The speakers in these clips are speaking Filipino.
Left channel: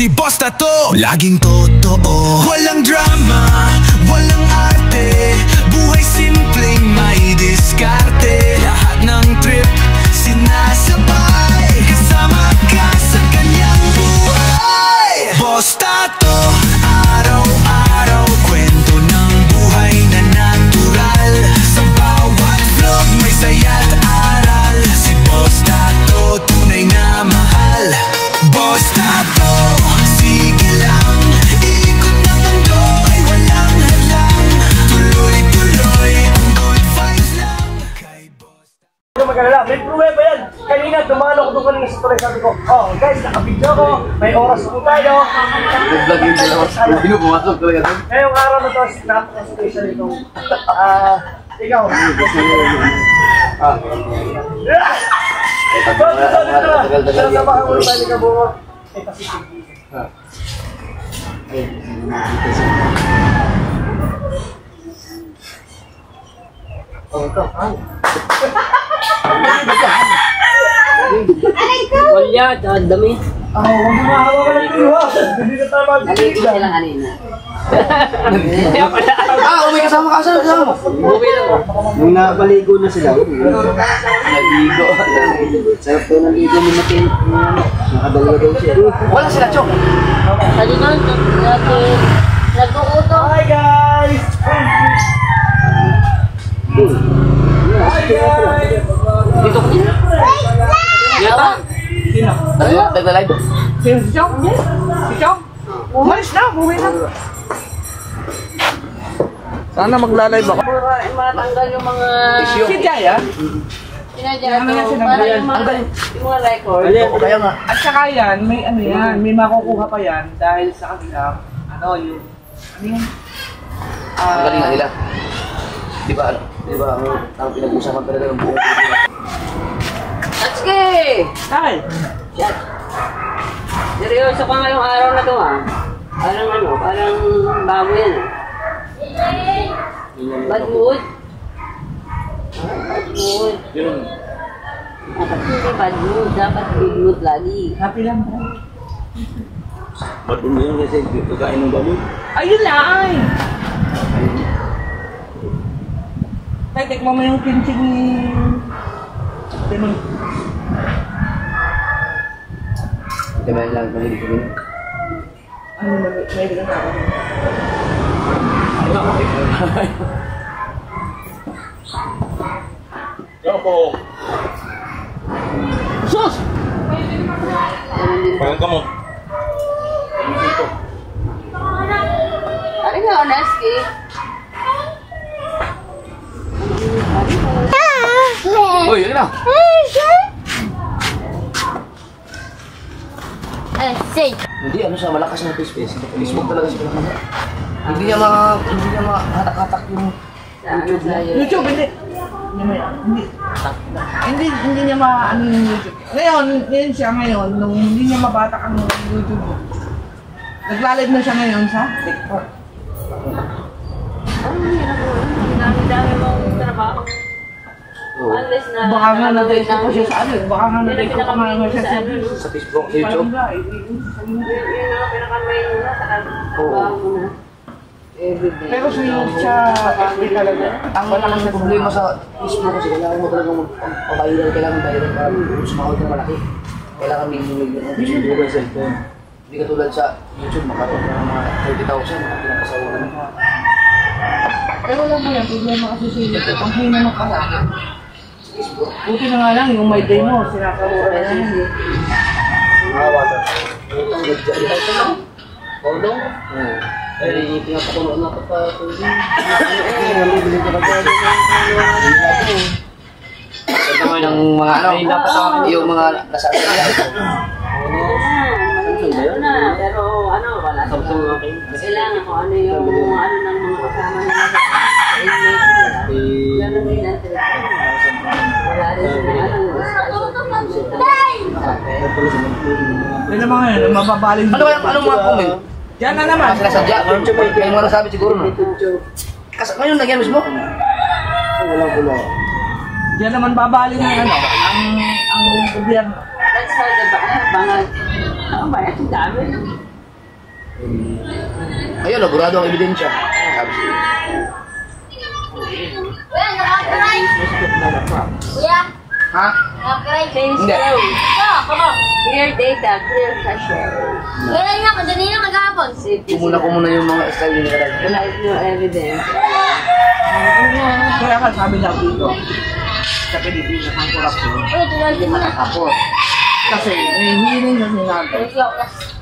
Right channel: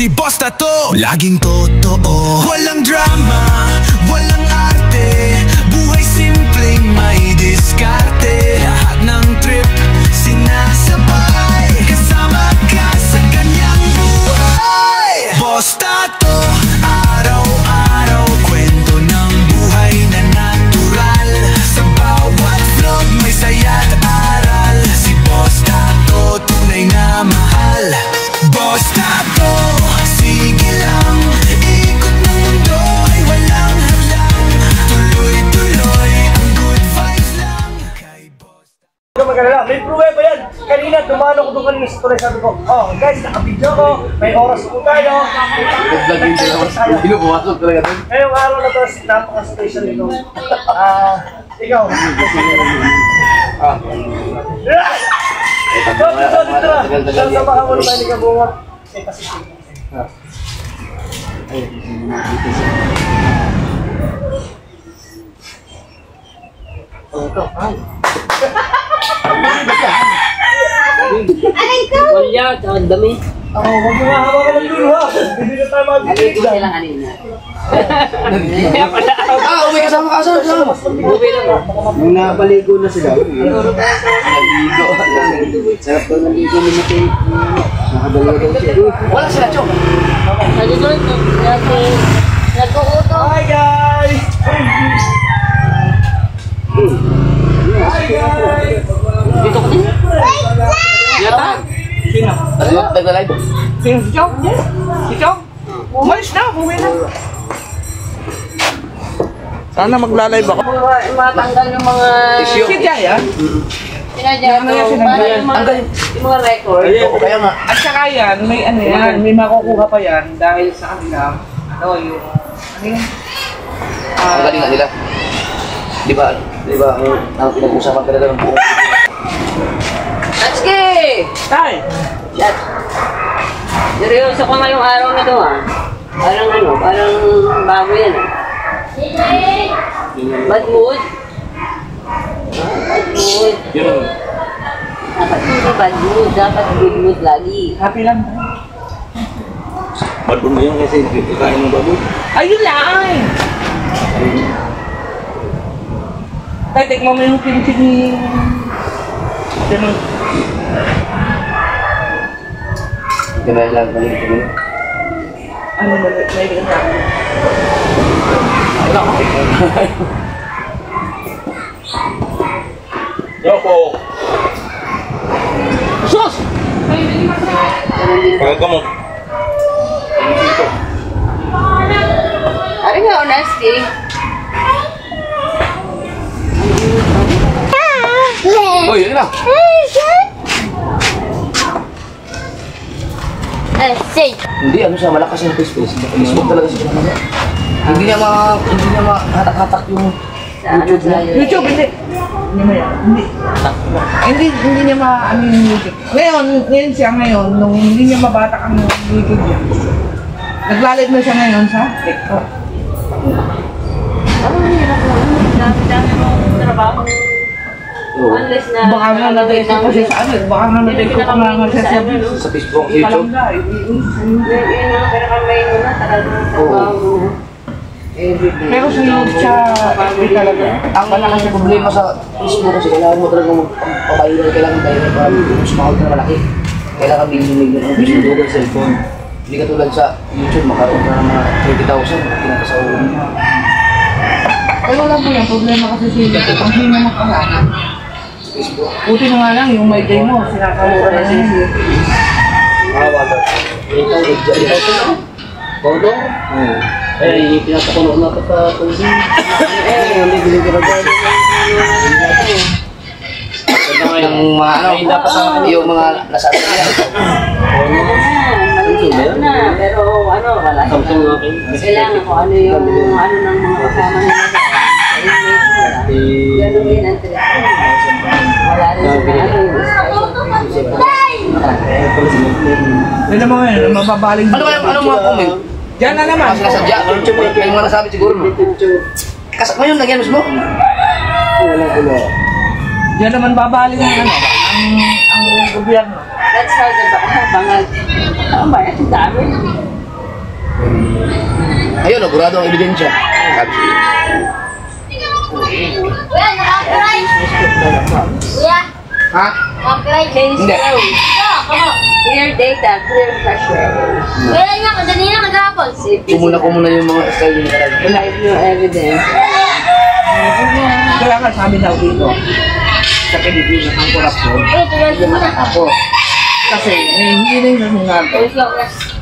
Si Boss Tato, laging totoo, walang drama, walang arte, buhay simpleng may diskarte. Lahat ng trip, sinasabay, kasama ka sa kanyang buhay. Boss Tato, araw-araw, kwento ng buhay na natural. Sa bawat vlog may saya't aral. Si Boss Tato, tunay na mahal. Boss Tato, sige lang, ikot ng mundo ay walang hadlang. Tuloy-tuloy ang good vibes lang kay Boss Tato. May pruweba yan. Kanina, dumalo ko doon kanina sa tuloy. Sabi ko, oh guys, nakabidyo ko. May oras po tayo. Nag-vlog yung dalawas. Hindi pumasok talaga doon. Ngayong araw na to, napaka-station ito. Ikaw. Tagal-tagal yan. Sa mga ulo ni Kabungot. Kasi Oh, ito. Ay. Walya, ang dami. huwag mo mahawa ka ng duha. Hindi na tayo Naligo mag-video. sila kanina. May kasama ka. Saan kasama mo? Buwi lang. Nung napaligo na sila. Naligo. Sarap daw naligo mo na kayo. Nakadalawa daw siya. Wala sila, Chok. Naligo, nagkukuto. Hi guys! Hi guys! Dito ko din. Yata. Sino? Nagla-live. Si Chong? Si Chong? Umalis na, buwi na. Sana magla-live ako. Matanggal yung mga... Si Jaya? Sinadya ito. Yung mga record. Kaya nga. At saka yan, may ano yan, may makukuha pa yan dahil sa kanila, yung, ano yan? Ang galing nga nila. Di ba, ang pinag-usapan talaga ng buong Pilipinas. Tatsuki! Tay! Chat. Seryoso ko ngayong araw na to parang bago yan Bad mood? Bad mood. Dapat hindi bad mood, dapat good mood lagi. Happy lang tayo. Ba't mo yun kasi kakain ng baboy? Ayun lang! Tay, tikman mo yung kimchi ni... Kaya lang, maligit ko yun. Ano na, may bilang sa akin. Yoko! Sus! Pagal ka mo. Ari nga, honesty. Uy, yun na! Hindi, ano siya, malakas yung Facebook. Facebook talaga siya pinakaga. Hindi niya mahatak-hatak yung YouTube niya. YouTube, hindi. Hindi mo yan. Hindi niya ano yung YouTube. Ngayon siya nung hindi niya mabatak ang YouTube niya. Nagla-live na siya ngayon sa TikTok. Ano ang hirap lang? Dami-dami mong trabaho. Unless na... Baka nga na-text ko siya sa ano. Baka nga na-text ko nga siya Sa Facebook, Hindi YouTube. ka lang Yun ang pinakamay mo na, talagang trabaho mo na. Everyday. Pero sunod siya, FB talaga. Ang malaking problema sa Facebook kasi kailangan mo talagang magpapaviral, kailangan viral para sumahod ka na malaki. Kailangan million ang views mo sa cellphone. Hindi ka tulad sa YouTube, makaroon ka ng mga 30,000, makakilang ka sa ulan. Ay wala po yan, problema kasi sa YouTube. Ang hindi naman kasama. Facebook. Buti na nga lang, yung my day mo, sinakamura na yun. Bodong? Eh, pinapakulo na ito sa tubig. Bibili ka ba dyan? Yung mga yung mga nasa nila. Ano na, pero wala sila. Kailangan ko ano yung ng mga kasama nila sa inmate nila. Ganun din ang treatment. Wala rin sila May naman ngayon, mababaling. Anong mga comment? Diyan na naman. Kasi nasadya, may mga nasabi siguro no? Ngayon, nagyan mismo? Walang gulo. Diyan naman babaling ang gobyerno. That's how the bangag. Ang bayan, dami. Ayun, burado ang ebidensya. Sabi siya. Ha? Change Hindi. flow. Clear data, clear cache. Kailan nga, kanina nagkakapon. Kumuna ko muna yung mga style nila talaga. Live no evidence. Kaya nga sabi daw dito, sa Pilipinas ang korupsyon, nakatapos. Kasi hindi na yung sinabi.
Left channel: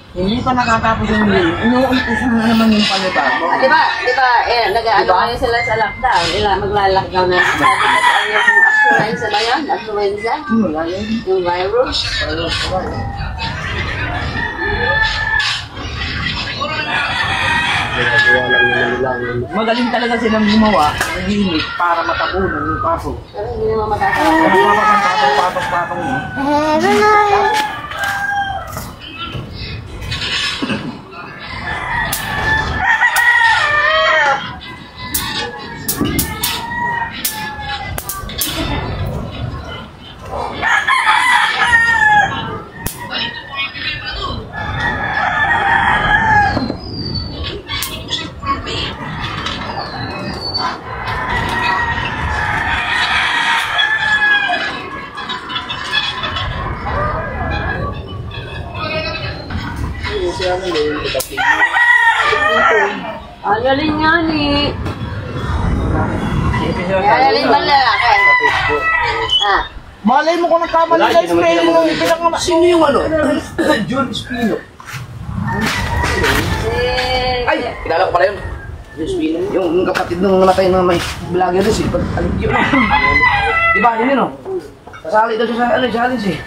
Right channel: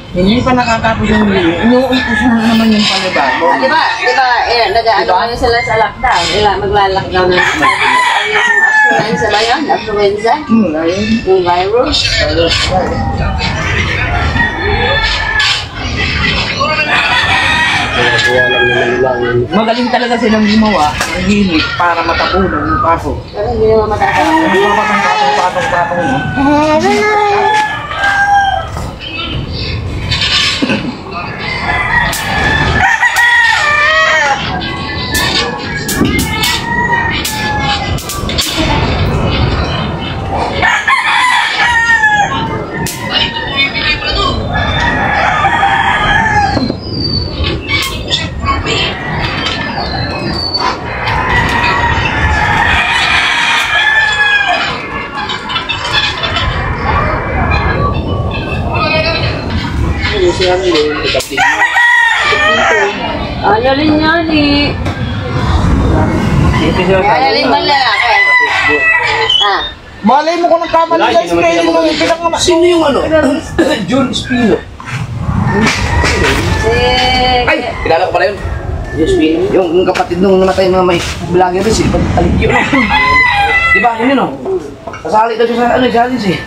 Hindi pa nakatapos yung hearing. Inuumpisa na naman yung panibago. Di ba, nag-ano kayo sila sa lockdown. Magla-lockdown na. Sabi ko yung affluenza ba yun? Affluenza? Ayun. Yung virus? Magaling talaga silang gumawa ng gimmick para matapunan yung kaso. Pero hindi naman matatapos. Hindi pa ang patong-patong no? Ano rin yan eh. Ano rin ba lalaki? Ah. Malay mo kung nagkamali guys, spelling mo yung pinangamas. Sino yung ano? John Espino. Ay! Kilala ko pala yun. John Espino. Yung kapatid nung namatay na may vlogger rin, si Alikyo, no? Diba, yun yun, no? Kasali daw siya sa ano, challenge eh.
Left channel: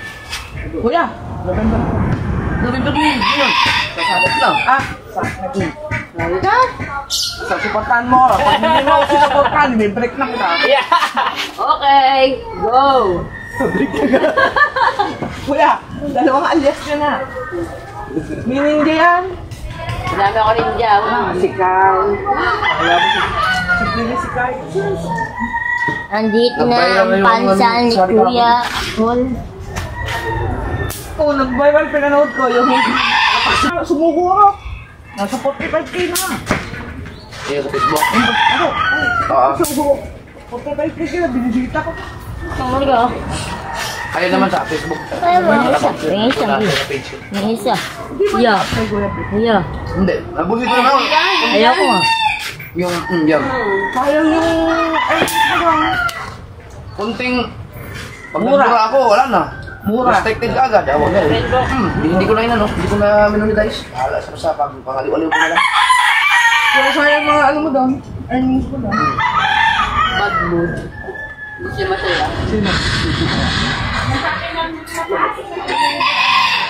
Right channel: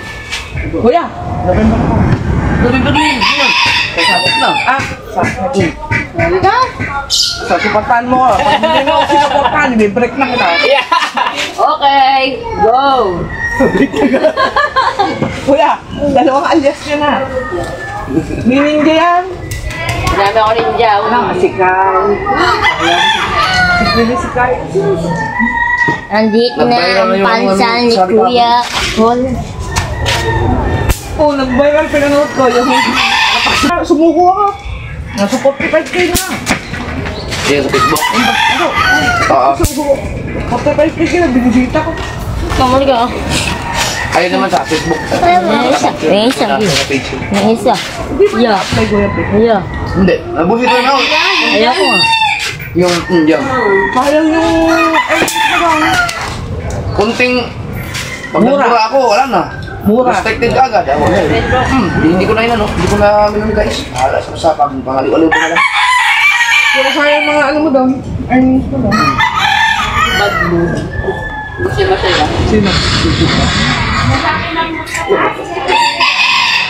Kuya, November ako. November din, yun. Kasabot na. Sa supportan mo, pag hindi mo ako sinuportahan, break na kita. Okay, go! Kuya, dalawang alias nyo na. Meaning yan? Dami ako rin dyan. Si Kai. Si Kai. Andito na Nag-viral na ang yung pansan ni sabi Kuya Paul. Oo, nag-viral pinanood ko yung sumuko ako. Nasa 45k na. Siya sa Facebook. Ano? Oo. Sumuko. 45k na, binibita ko. Kamali ka. Ayun naman sa Facebook. May isa. Sa page. May isa. Hindi ba na-apply ko yan? Yeah. Hindi. Nabusit ko naman. Ayaw ko nga. Yung, yung. Sayang yung... Kunting... Pag Mura. nagmura ako, wala na. Mura. Restricted ka agad. Hindi ko na yun, ano. Hindi ko na minuli guys. Hala sa pag pangaliw-aliw ko na lang. Pero sayang mga ano mo doon, earnings mo doon. Bad mood. Gusto mo sila? Sino?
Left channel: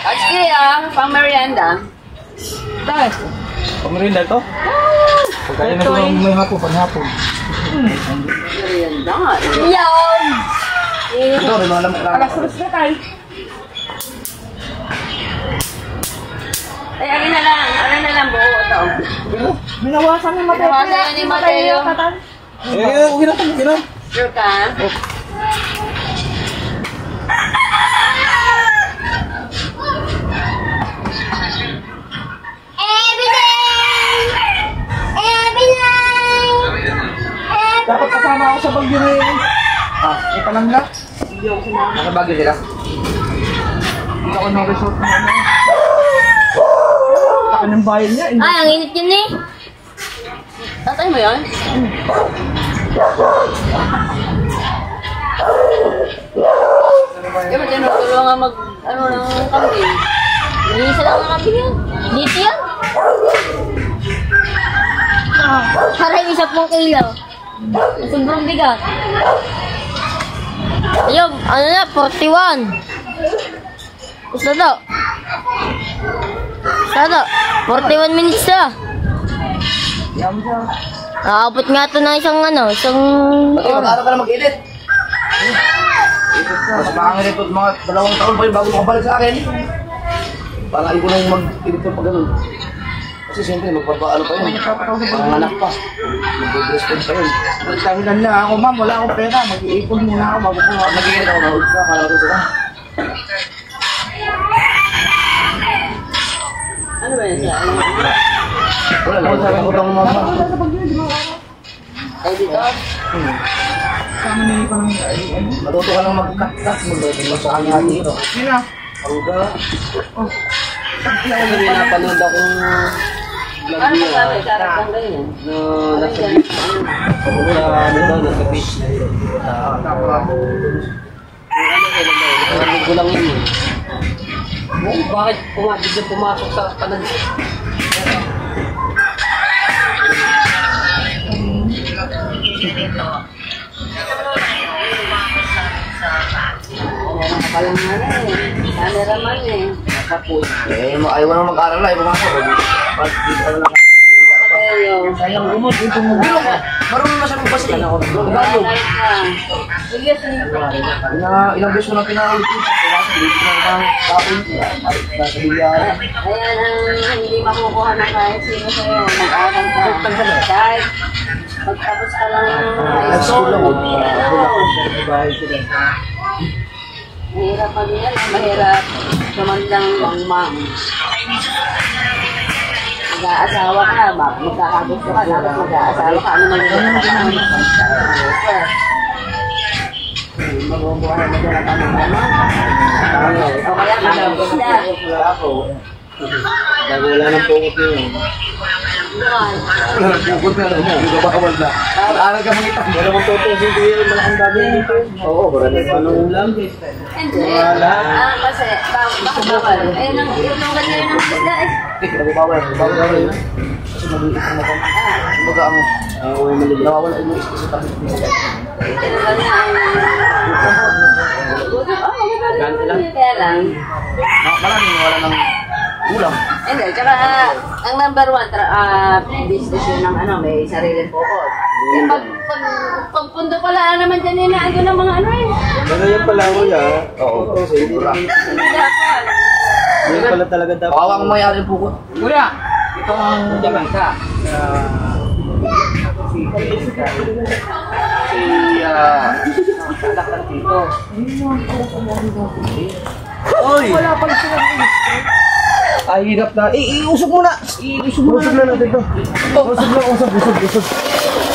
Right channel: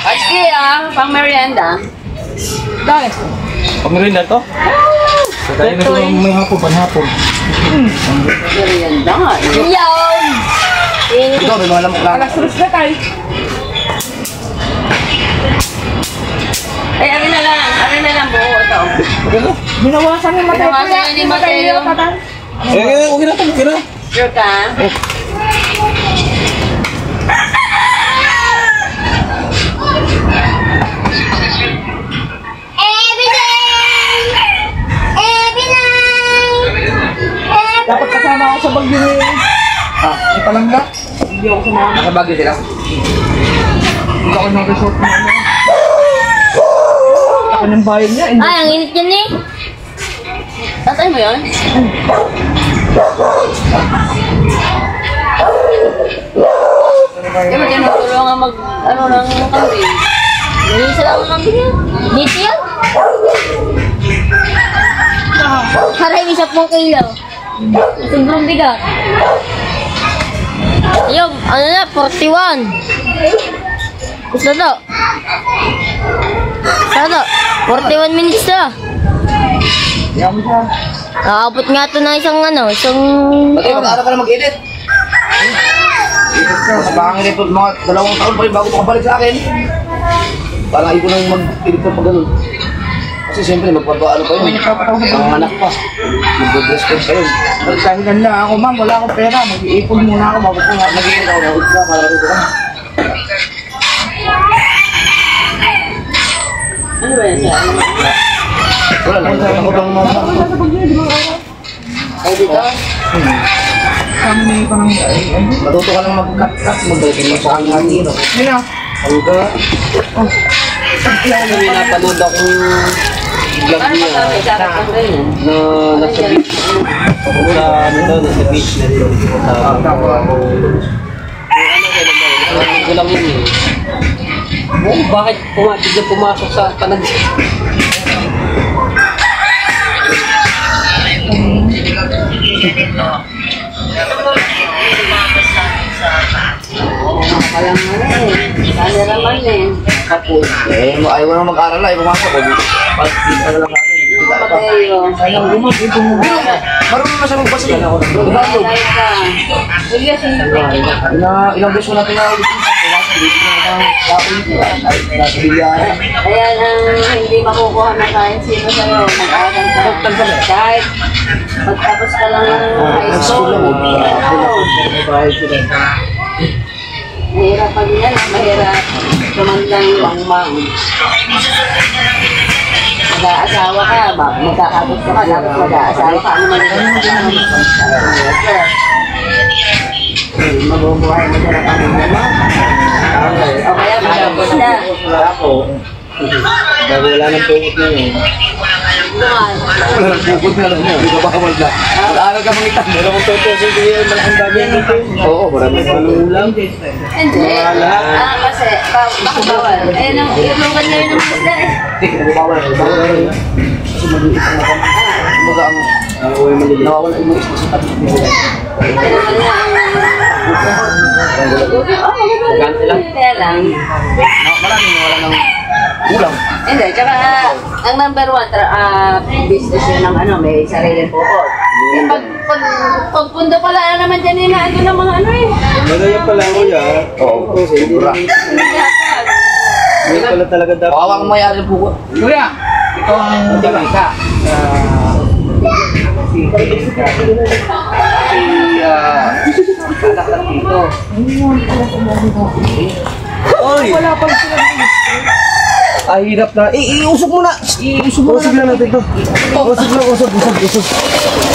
Actually pang merienda. Dahil. Pamirinda to? Kaya na ko ng hapon, panhapon. Merienda nga eh. Yan! Ito, may mga lamok lang. Alas 3 na tayo. Ay, ano na lang buo ito. Binawasan yung Mateo. Binawasan na ni Mateo. Okay na, okay na. Sure ka? Dapat kasama ako sa bagyo na yun. Ah, Ito lang na. Hindi ako sumama. nasa Baguio sila. Hindi ako ng resort na ano. Ako ng bayan niya. Ay, ang init yan eh. Tatay mo yun? Di ba tinutulungan mag, ano ng kambing? May isa lang ang kambing yan. Dito yan. Para yung 10 kilo. Sobrang bigat. Ayun, ano na, 41. Gusto daw. Sada, 41 minutes na. Kaya mo siya. Nakabot nga ito ng isang Pati, mag-aaral ka na mag-edit. Mas makakangin ito, mga 2 taon pa rin bago makabalik sa akin. Parang ayoko nang mag-edit pa ganun. Kasi siyempre, magpapaano pa yun. Mga anak pa. Mag-breastfeed pa yun. Nagkahilan lang ako, ma'am. Wala akong pera. Mag-iipon muna ako bago ko. Nag-edit ako na ka para matuto ka. Ano ba yan siya? Wala lang, ako bang mga... Ay, dito? Kami na yung parang... Matuto ka lang mag-cut-cut mo dahil mo sa hangin. Yun na. Hangga. May napanood akong vlog Ano niya. masabi? Sarap lang ganyan. Na nasa beach. Sa ano daw, nasa beach na rin. Narinig ko lang yun eh. Oh, bakit biglang pumasok sa panag... Walang ano eh. Cameraman eh. Tapos, ayaw mo naman mag-aral na, ayaw pumasok ko. Pag dito ka na lang sa akin. Mateo. Sayang gumat, ito mo. Marunong na siya magbasa eh. Tagalog. Ay ka. Julius, Ilang beses ko na pinaulit ko sa pumasok. Dito na kitang kapon ko. Nasa bilyara. ayan ang hindi makukuha ng kahit sino sa'yo. Mag-aral ka. Kahit pagtapos ka lang ng high school. Bahay sila. Mahirap pa din yan. Mahirap tumandang mangmang. Mag-aasawa ka, magkakagusto ka, dapat mag-aasawa ka. Ano magiging ka? Mabubuhay mo dyan ang pamilya mo. O kaya mag-abot na. Ako, bago wala ng pungot na yun. Wala ng pungot na lang mo, hindi ka bawal na. Mag-aaral ka mangitan. Meron kong toto, sige, malaking bagay dito. Oo, maraming malulang. Hindi. Kasi baka bawal. Ayun ang ilungan niya yun ng isda eh. Hindi, nabubawal na. Bawal na rin. Kasi mag-iisang na kami. Kumbaga ang nawawala yung mga isda sa tabi nila. Ilungan na ang... Maganda lang. Kaya lang. Maraming wala ng ulam. Hindi, tsaka ang number one business yun ng ano, may sariling bukod. Eh, pag pundo pala naman dyan inaando ng mga ano eh. Ano yan pala ko yan? Oo, sobra. Hindi dapat. Yan pala talaga dapat. Kawawang mayari po ko. Kuya, ito ang Jamaica. Si Kalakal dito. Oy! Wala pala sila ng Ay, hirap na. Iusok mo na! Iusok mo na. Usok lang natin ito. Usok lang, usok.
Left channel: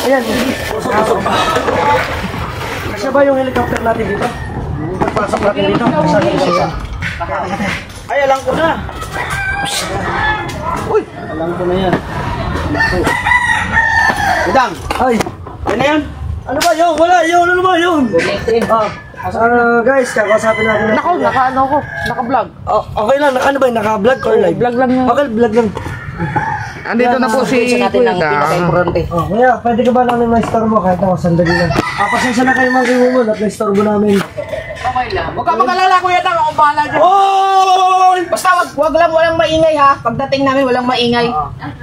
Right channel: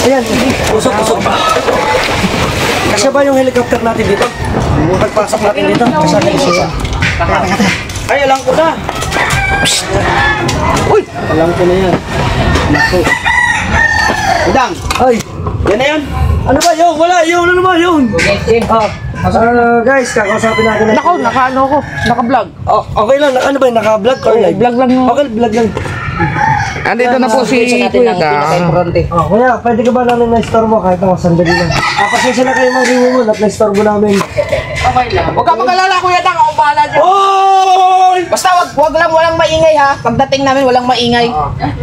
Ayan, usok. Kasya ba yung helicopter natin dito? Pagpasok natin dito? Ay, alam ko na! Uy! Alam ko na yan. Naku. Madam! Ay! Yan na yan! Ano ba yun? Wala yun! Ano ba yun? Guys, kakausapin natin. Naka-ano ko, naka-vlog. Okay lang, ano ba yun? Naka-vlog or live? Vlog lang. Okay, vlog lang. Andito na po si Isa natin Kuya. ng pinaka-importante. Kuya, pwede ka ba namin na-store mo kahit ako sandali lang? Pasensya na kayo mga kiwo at na-store mo namin. Okay lang. Huwag ka mag-alala, Kuya Tang. Ako bahala dyan. Oh! Basta wag lang walang maingay ha. Pagdating namin walang maingay.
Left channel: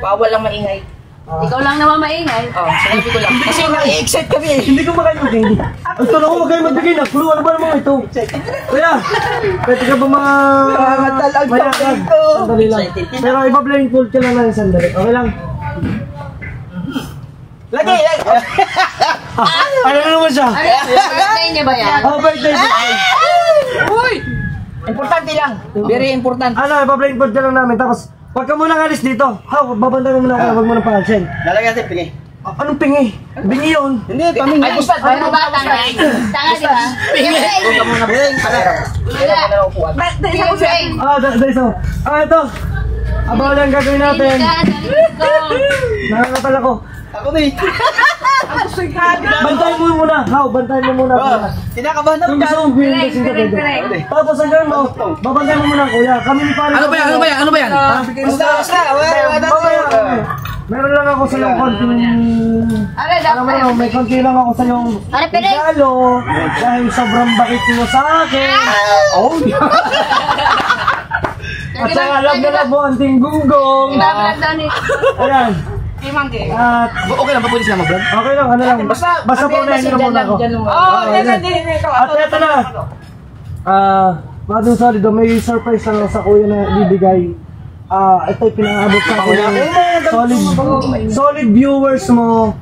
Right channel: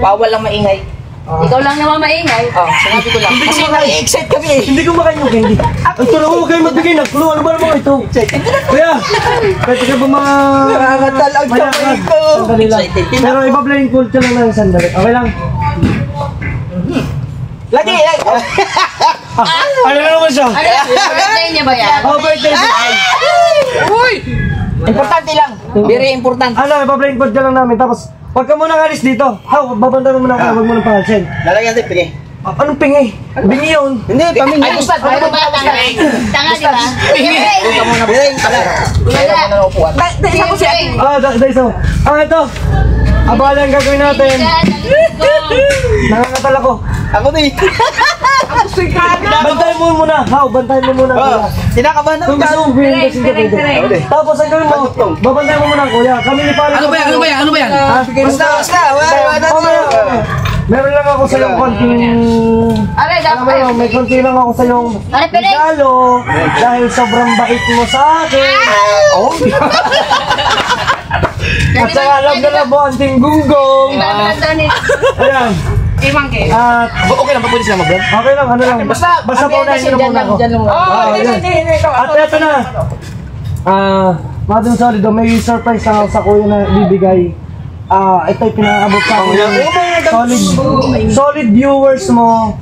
Bawal lang maingay. Ikaw lang naman maingay. Sinabi ko lang. Kasi na-excite kami eh. Hindi ko makain mo, hindi. Ang tulong ko, huwag kayo magbigay ng clue. Ano ba naman ito? Kuya, pwede ka ba mga... Nakakatal ang kamay ko. Sandali lang. Pero iba-blame cool ka lang ng sandali. Okay lang? Lagi. Ano naman siya? Birthday niya ba yan? Oh, birthday. Uy! Importante lang. Very important. Ano, iba-blame cool ka lang namin. Tapos, huwag ka muna alis dito. Babantayan mo muna ako. Huwag mo nang pangalsin. Lalagyan natin, pingi. Anong pingi? Bingi yun. Hindi, pamingi. Ay, basta. Ano ba? Tanga di ba? Huwag ka muna bilhin. Wala. Dahil ako siya. Dahil so. Ito. Abala ang gagawin natin. Nangangatal ako. Ako din. Ang gusto yung kada. Bantayan mo muna. Bantayan mo muna. Sinakabahan Kung gusto mong bilhin kasi ka pwede. Tapos ang gawin mo, babantayan mo muna kuya. Kami ni Pare. Ano ba yan? Basta. Meron lang ako sa yung konting... Aray, Alam mo dapat. yun, may konti lang ako sa yung Pare, pare. regalo dahil sobrang bait mo sa akin. Oh! At saka alam na lang mo, anting gunggong. Dapat daw ni... Ayan. Imangke. At Okay lang, pwede sila mag-vlog? okay lang, ano lang. Basta paunahin nyo muna ako. Hindi. At eto na. Mga dun solido, may surprise lang ako sa kuya na bibigay. Ito'y pinakaabot sa akin ng solid viewers mo.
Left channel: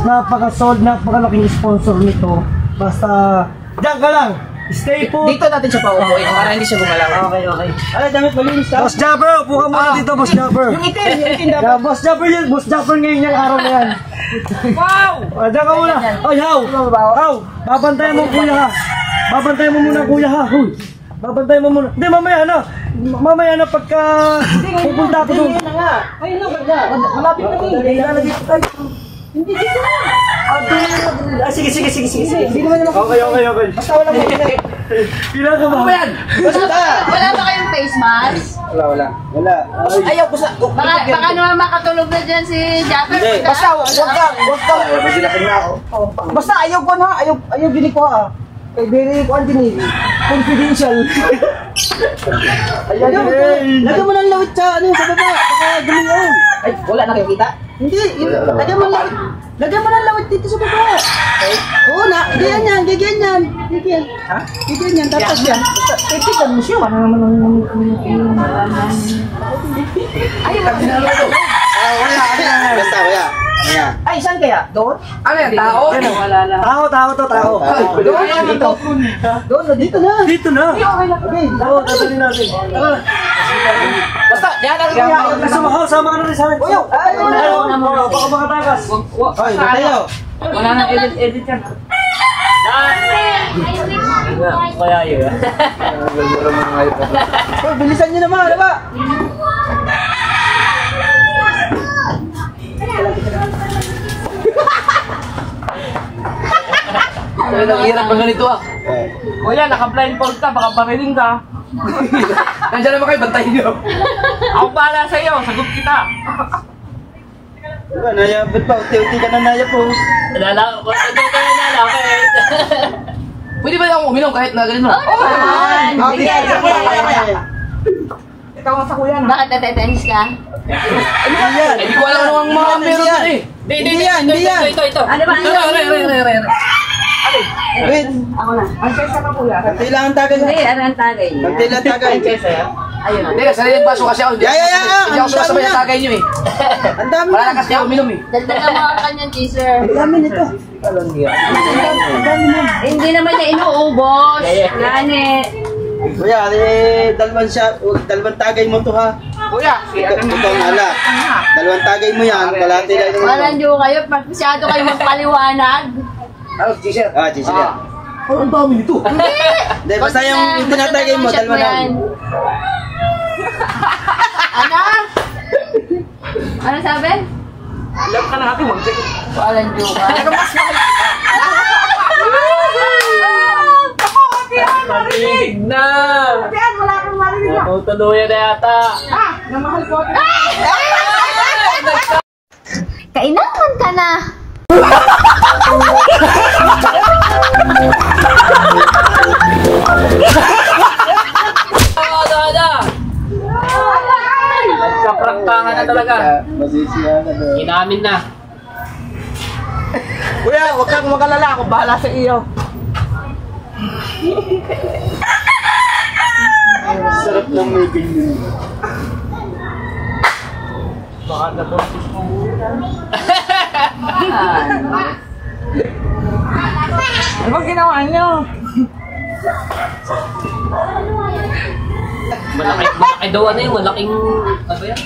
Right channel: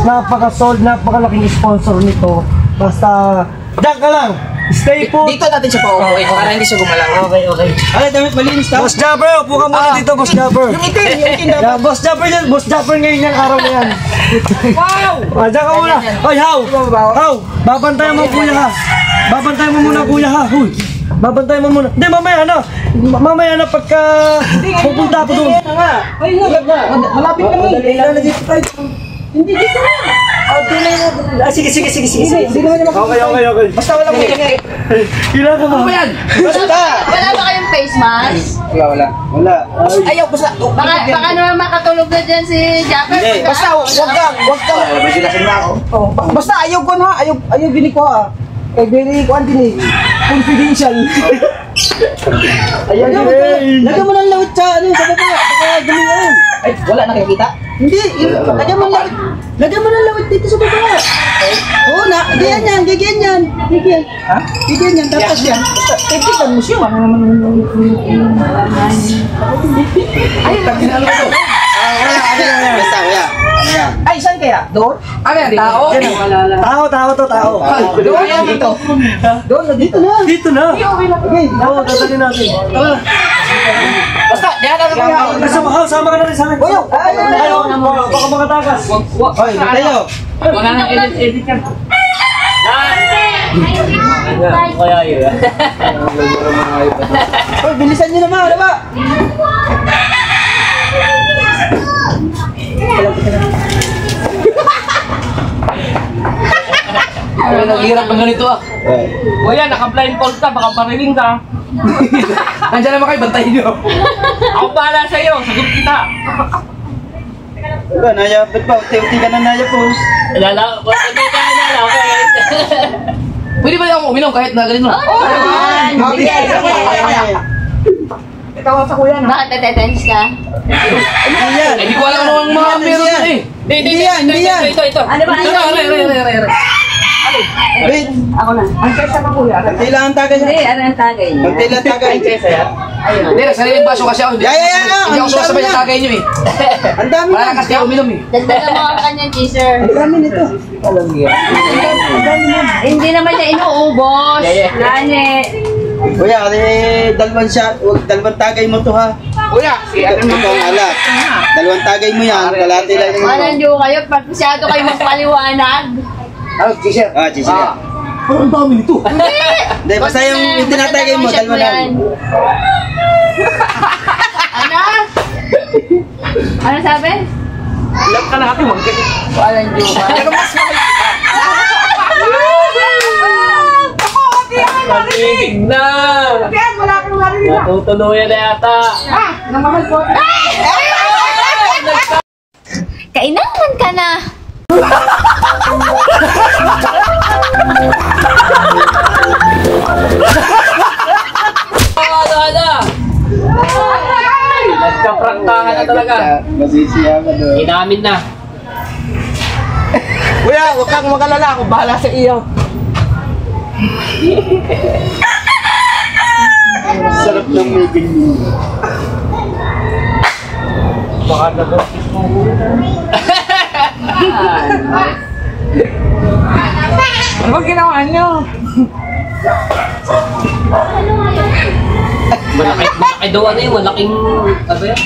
Napaka-solid, napakalaking sponsor nito. Basta, diyan ka lang. Stay put. Dito natin siya paupuin para hindi siya gumalaw. Okay, okay. Ay, damit malinis ta. Boss Jabber, upo ka muna dito, Boss Jabber. Yung itim dapat. Yeah, Boss Jabber yan, Boss Jabber ngayon yung araw na yan. Wow! Diyan ka muna. Hoy, How! How! Babantayan mo kuya ha. Babantayan mo muna kuya ha. Huy! Babantayan mo muna. Hindi, mamaya na. Mamaya na pagka pupunta ako doon. Ay, malapit kami. Ilalagay ko tayo. Hindi dito na. Sige. Hindi naman naman. Okay. Basta walang may Kailangan ka ba? Ano yan? Basta. Wala ba kayong face mask? Wala. Ayaw ko sa... Baka naman makatulog na dyan si Japper. Basta wag kang. May silasin na ako. Oh, basta ayaw ko na, ayaw bini ko ha. Kay very ko din confidential. Ayaw mo. Lagyan mo ng lawit sa ano sa baba. Baka gumiyan. Ay, wala na kayo kita? Hindi, lagyan mo ng lawit. Lagyan mo ng lawit dito sa baba. Oo na, ganyan. Ganyan. Ha? Ganyan tapos yan. Tipitan mo siya. Ano naman Ay, taginalo ko to. Wala. Basta, wala. Ano yan? Ay, saan kaya? Doon? Ano yan? Tao? Tao. Doon yan dito. Doon, dito na. Dito na. Okay, Oo, dadalhin natin. Tara. Basta, diyan na kayo. Sama ka na rin sa amin. Ayaw. Ayaw, baka makatakas. Hoy, tayo. Hoy, bilisan niyo naman, ano ba? Ay, naghihirap ng ganito ah. Kuya, naka-blindfold ka, baka pariling ka. Nandiyan naman kayo, bantayin nyo. Ako bahala sa iyo, sagot kita. Wala, naya, ba't ba? Unti ka na naya po. Lala, hindi ka na Pwede ba yung uminom kahit na ganito? Sige. Ikaw sa kuya na. Bakit natetense ka? Hindi yan. Hindi ko alam ano ang mga meron doon eh. Hindi yan. Ito. Ano ba? Wait, Ako na. kailangan tagay Hindi, yan. ano ang tagay niya? Kailangan tagay. Hindi, nagsariling baso kasi ako. Hindi Yeah. ako sumasabay sa tagay nyo eh. Ang dami Wala na kasi ako uminom eh. Dagdagan mo ang kanyang teaser. Ang dami nito. Hindi naman niya inuubos. Nani. Kuya, dalawang tagay mo to ha. Kuya, si Ito ang alak. Dalawang tagay mo yan. Kalati lang yung Parang ito. di ko kayo, masyado kayo magpaliwanag. Ano, t-shirt? Cheese yan. Ang dami nito. Hindi, basta yung tinatagay mo, dalawa na. Ano? Ano sabi? Ilan ka natin magkakit. Walang joke. Pero mas mahal. Narinig na. Natutuluyan na yata. Kainaman ka na. Nagkapraktangan na talaga. Masisiya ka doon. Inamin na. Kuya, huwag kang magalala. Ako bahala sa iyo. Sarap ng may ganyan. Baka na ba? Ano ba ginawa niyo? Malaki daw ano yung malaking... Ano yan?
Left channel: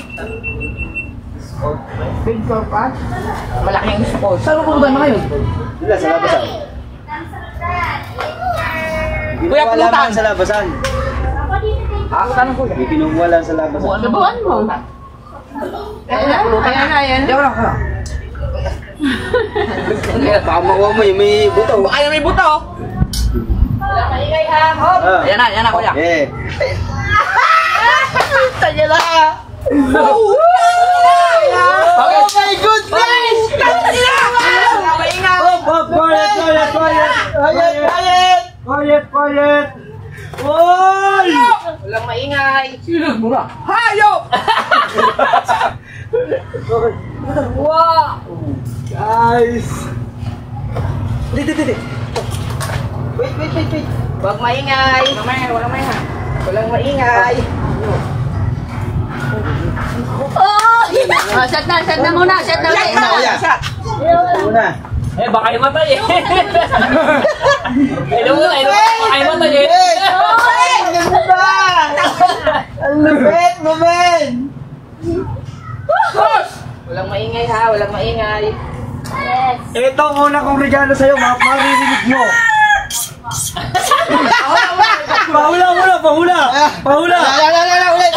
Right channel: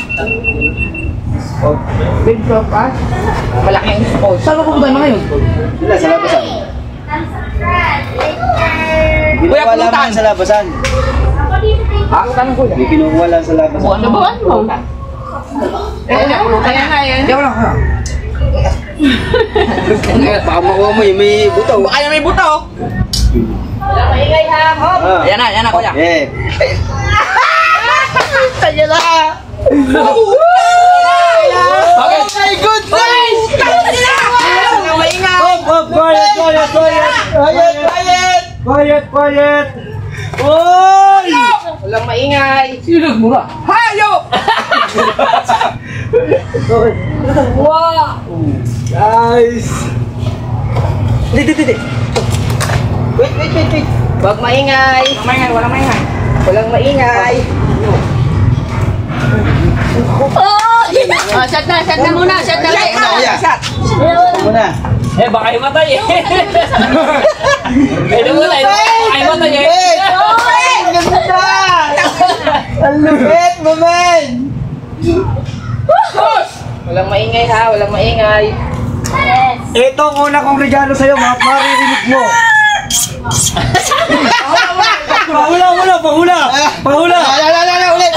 Big purpose? Malaking spot. Saan mo pupunta mga yun? Sila sa labasan. Kinukuha lang sa labasan. Tanong ko yan. May kinukuha lang sa labasan. Buwan mo. Kaya nga yun. Hindi ako lang. Baka makuha mo yung may buto. Baka yung may buta oh. Maingay ha. Hop. Ah. Ayan na kuya. Eh. Kaya na. Oh my goodness! Quiet. Oy! Walang maingay. Sino nagmura? Hayop! Wow. Guys! Wait. Huwag maingay. Walang maingay. Oh! Shut na muna. Kuya. Muna. Eh, baka himatay eh. Ano mo na eh, baka himatay eh. Ang ganda! Ang lupit mo, man! Walang maingay ha, walang maingay. Ito ang una kong regalo sa'yo, maririnig mo. Pahula! Pahula! Ulit!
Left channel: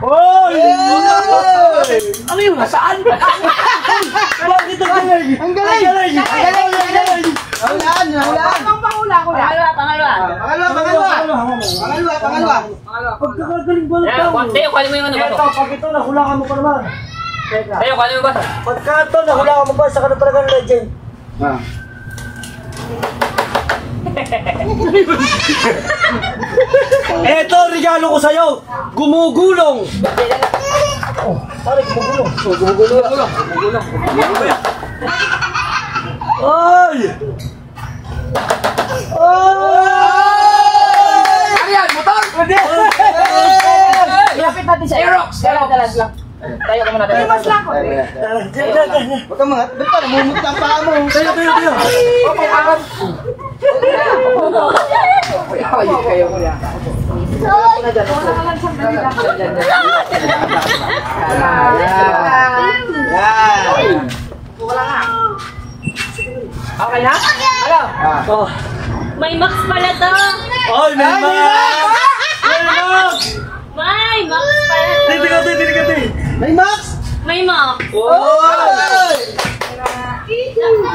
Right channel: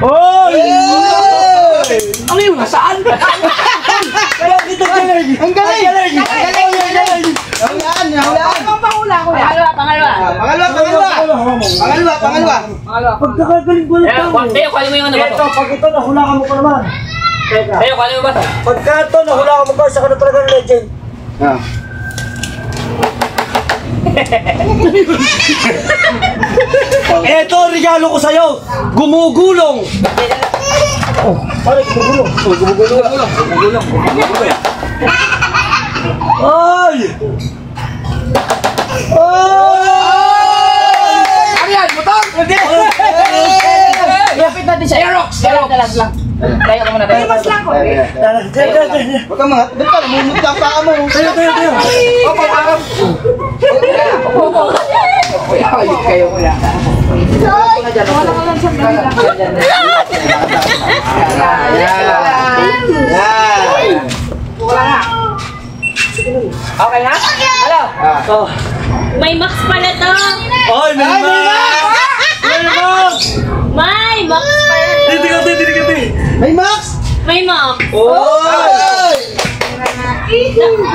Oy! Ano yun? Saan? Ang galing! Anong pahula ko yan? Pangalawa. Pagkakagaling ko Eh, Tayo, kunin mo yung ano ba Ito, to? pag ito, nahulaan mo pa naman. Teka. Tayo, kunin mo ba to? Pagka ito, nahulaan mo pa, isa ka na talagang legend. Ito, regalo ko sa'yo. Gumugulong. Oh, pare, gumugulong. Gumugulong. Ay! Ano yan? Butang? Hindi! Lapit natin siya. Aerox lang. Tayo ka muna. Mas lang ko. Huwag ka mga, ba't ka namumugta ang paa mo? Tayo. Opo, aram. Kayo muna. Wala ka lang sandali lang. Wala nga. Okay na? Hello? May max pala to. Ay, may Max! May max pala to. Titi. May Max! May max. Oy!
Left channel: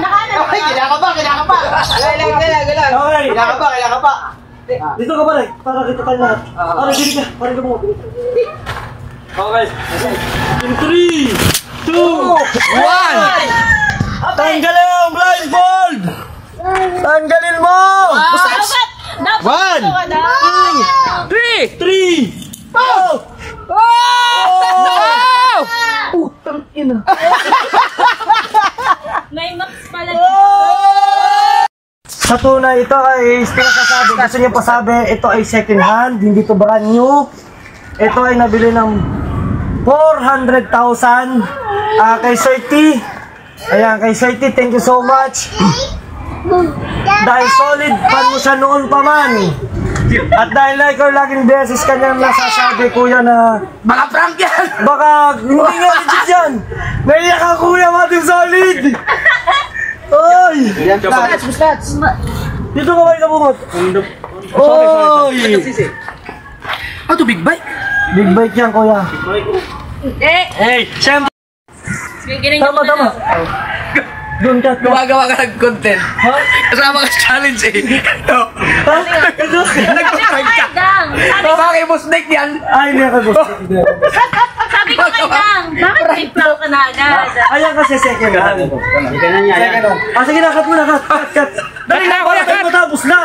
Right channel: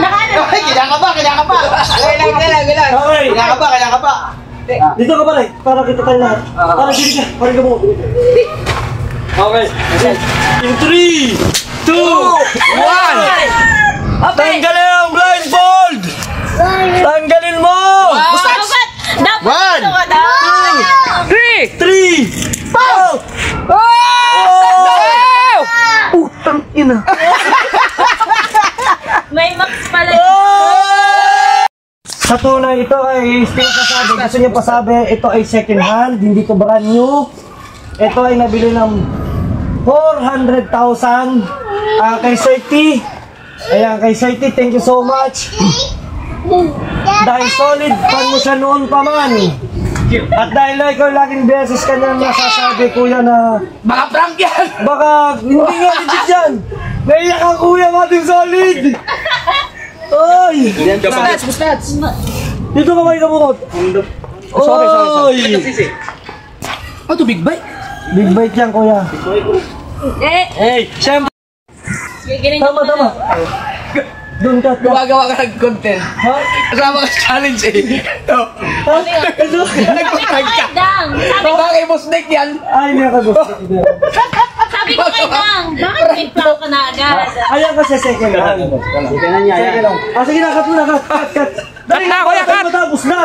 Nakano ba? Kinakapa. Gala. Okay. Kinakapa. Dito ka pala, para kita tayo lahat. Para dili ka, parang mo. Okay. In 3, 2, 1! Tanggalin ang blindfold! Tanggalin mo! Dapat ito ka daw. 3, 4! Putang ina! May max pala. Sa tunay, ito ay pinasasabi. Gusto niyo pasabi, ito ay second hand, hindi to brand new. Ito ay nabili ng 400,000 kay Sir T. Ayan, kay Sir T, thank you so much. Dahil solid fan mo siya noon pa man. At dahil na ikaw laging beses kanyang nasasabi, kuya, na Mga prank yan! baka hindi nga legit yan. Naiyak ka, kuya, Matim Solid. Oy! Buslats! Dito ka ba ikabungot? Oy! Ano to, big bike? Big bite yan, kuya. Eh, Siyempre. ganyan yung Tama. Doon ka. Gumagawa ka ng content. Ha? Kasama ka sa challenge eh. No. Ha? Nagpaprank ka. Dang. Bakit boss Nick yan? Ay, hindi ako gusto. Sabi ko kay Dang, bakit may prank ka na agad? Ayan kasi second hand. Second hand. Sige na, cut mo na, cut. Dali na, kuya, cut! Matapos na!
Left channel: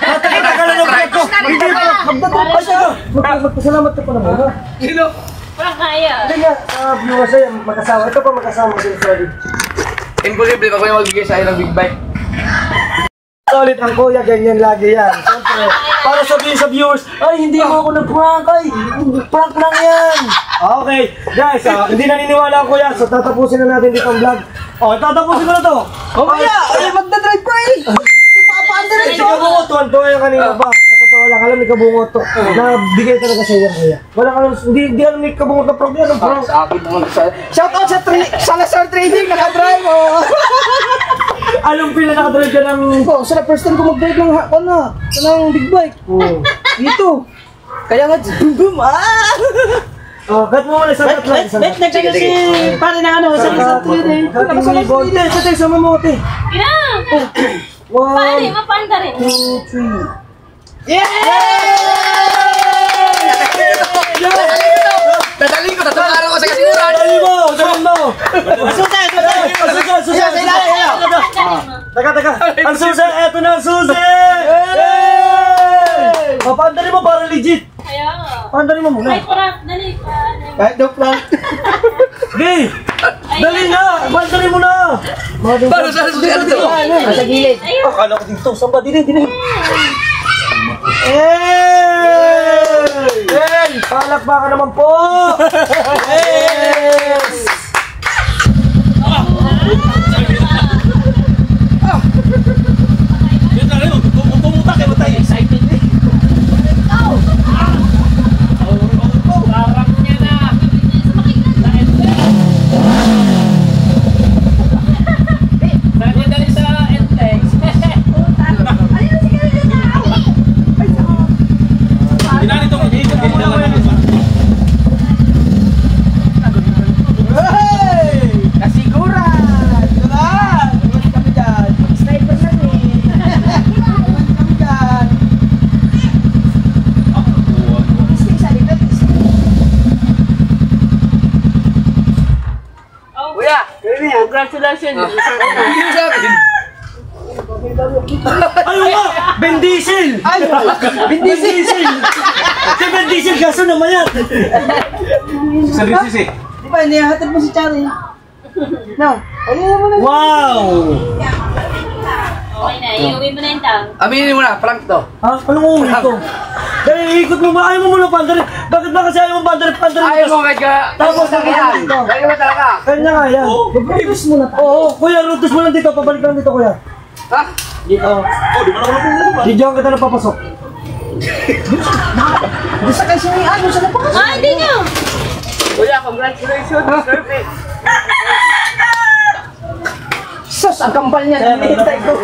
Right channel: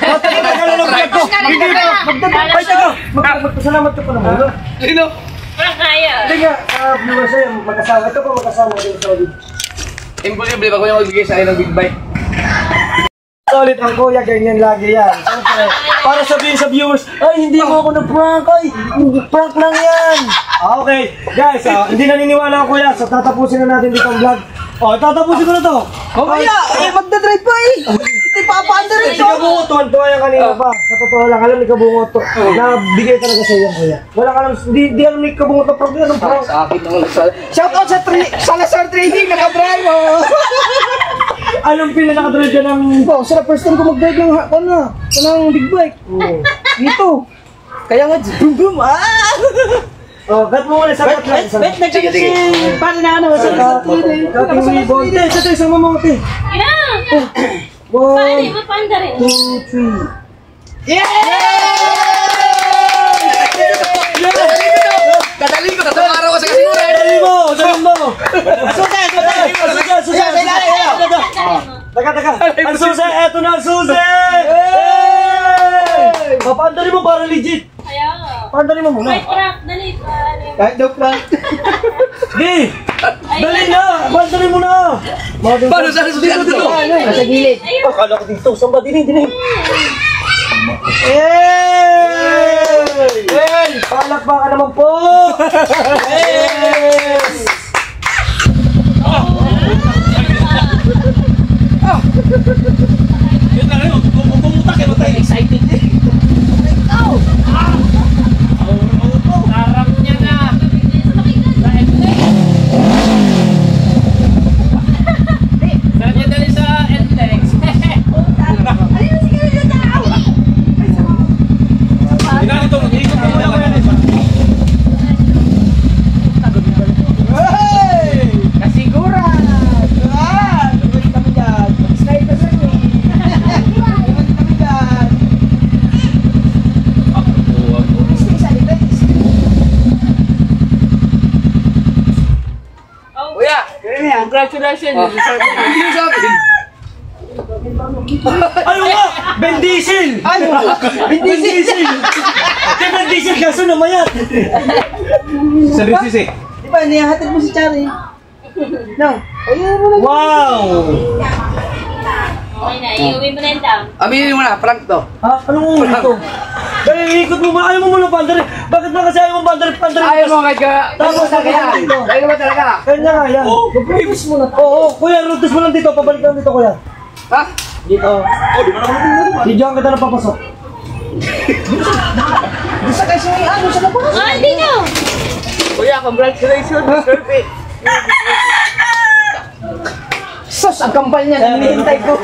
Matapos ka na ng vlog ko! Hindi pa! Ay, taga! Magpasalamat ka pa naman, ha? Sino? Prank kaya. Hindi nga, viewers sa'yo, magkasama. Ito pa magkasama din sa Solid. Imposible ako yung magbigay sa akin ng big bike. Solid ang kuya, ganyan lagi yan. Siyempre, para sabihin sa viewers, ay, hindi mo ako nag-prank, ay, prank lang yan. Okay, guys, hindi naniniwala ang kuya, so tatapusin na natin dito ang vlog. Oh, tatapusin ko na to. Kaya, ay magdadrive pa eh. Hindi pa paanda rin Si Kabungot, tuwan-tuwa yan kanina pa. Sa totoo lang, alam ni Kabungot to. Nabigay talaga sa yan, kuya. Wala ka alam, hindi alam ni Kabungot na prank yan, anong prank? Sa akin naman sa... Shout out sa Lazar Trading, nakadrive oh. Anong pila nakadrive ka ng... Oh, sa first time ko mag-drive ng ng big bike. Dito. Kaya nga, boom boom, Oh, cut mo muna, sagat lang. Sige. Paano na ano, sa Lazar Trading. Cutting mo ibon. Te, sa tayo, sama mo, te. Yeah. Pare, 1, mapanda rin. 2, 3. Dadali ko, tatlong araw ko sa kasiguran. Dali mo! Susi! Taka. Ang susi, eto na ang susi! Papandali mo para legit. Kaya nga. Pandali mo muna. May prank, dali. Kahit daw prank. Gay! Dali na! Pandali mo na! Paano sa susunod to? Nasa gilid. Akala ko dito. Saan ba? Dinig. Hey! Palakpakan naman po! Yes! Congratulations. Hindi mo sa akin. Ano nga? Ben Diesel! Ben Diesel! Si Ben Diesel kaso namayat! Services eh. Di ba, niyahatid mo si Chari? No. Ayun mo na. Wow! Okay na, iuwi mo na yung tang. Aminin mo na, prank to. Ha? Anong ulit to? Dahil iikot mo muna, ayaw mo muna pandarin. Bakit ba kasi ayaw mo pandarin? Ayaw mo kahit ka. Tapos Talaga yan. Ayaw mo talaga. Kanya nga yan. Rutus mo na. Oo, kuya, rutus mo lang dito. Pabalik lang dito, kuya. Ha? Dito. Di ba naman? Di dyan kita napapasok. Gusto kasi may ano sa labas. Ah, hindi na. Kuya, congratulations. Perfect. Sus, ang kampal niya. Hinihintay ko.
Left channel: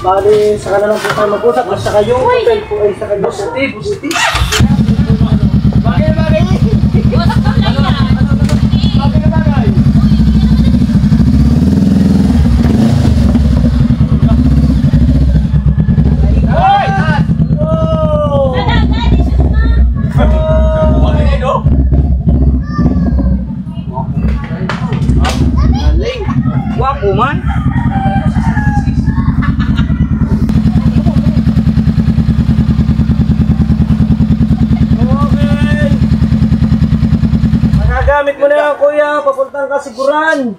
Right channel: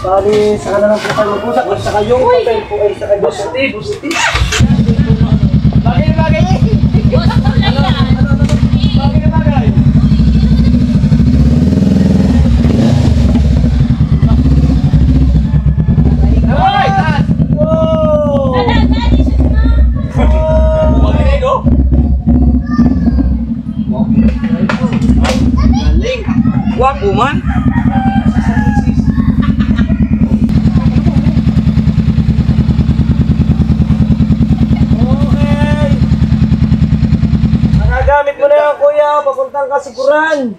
Bali, saka na lang po tayo mag-usap. At saka yung hotel po ay saka yung Bagay. Wapo man. Okay. Magagamit mo na yan, kuya. Papuntang kasiguran.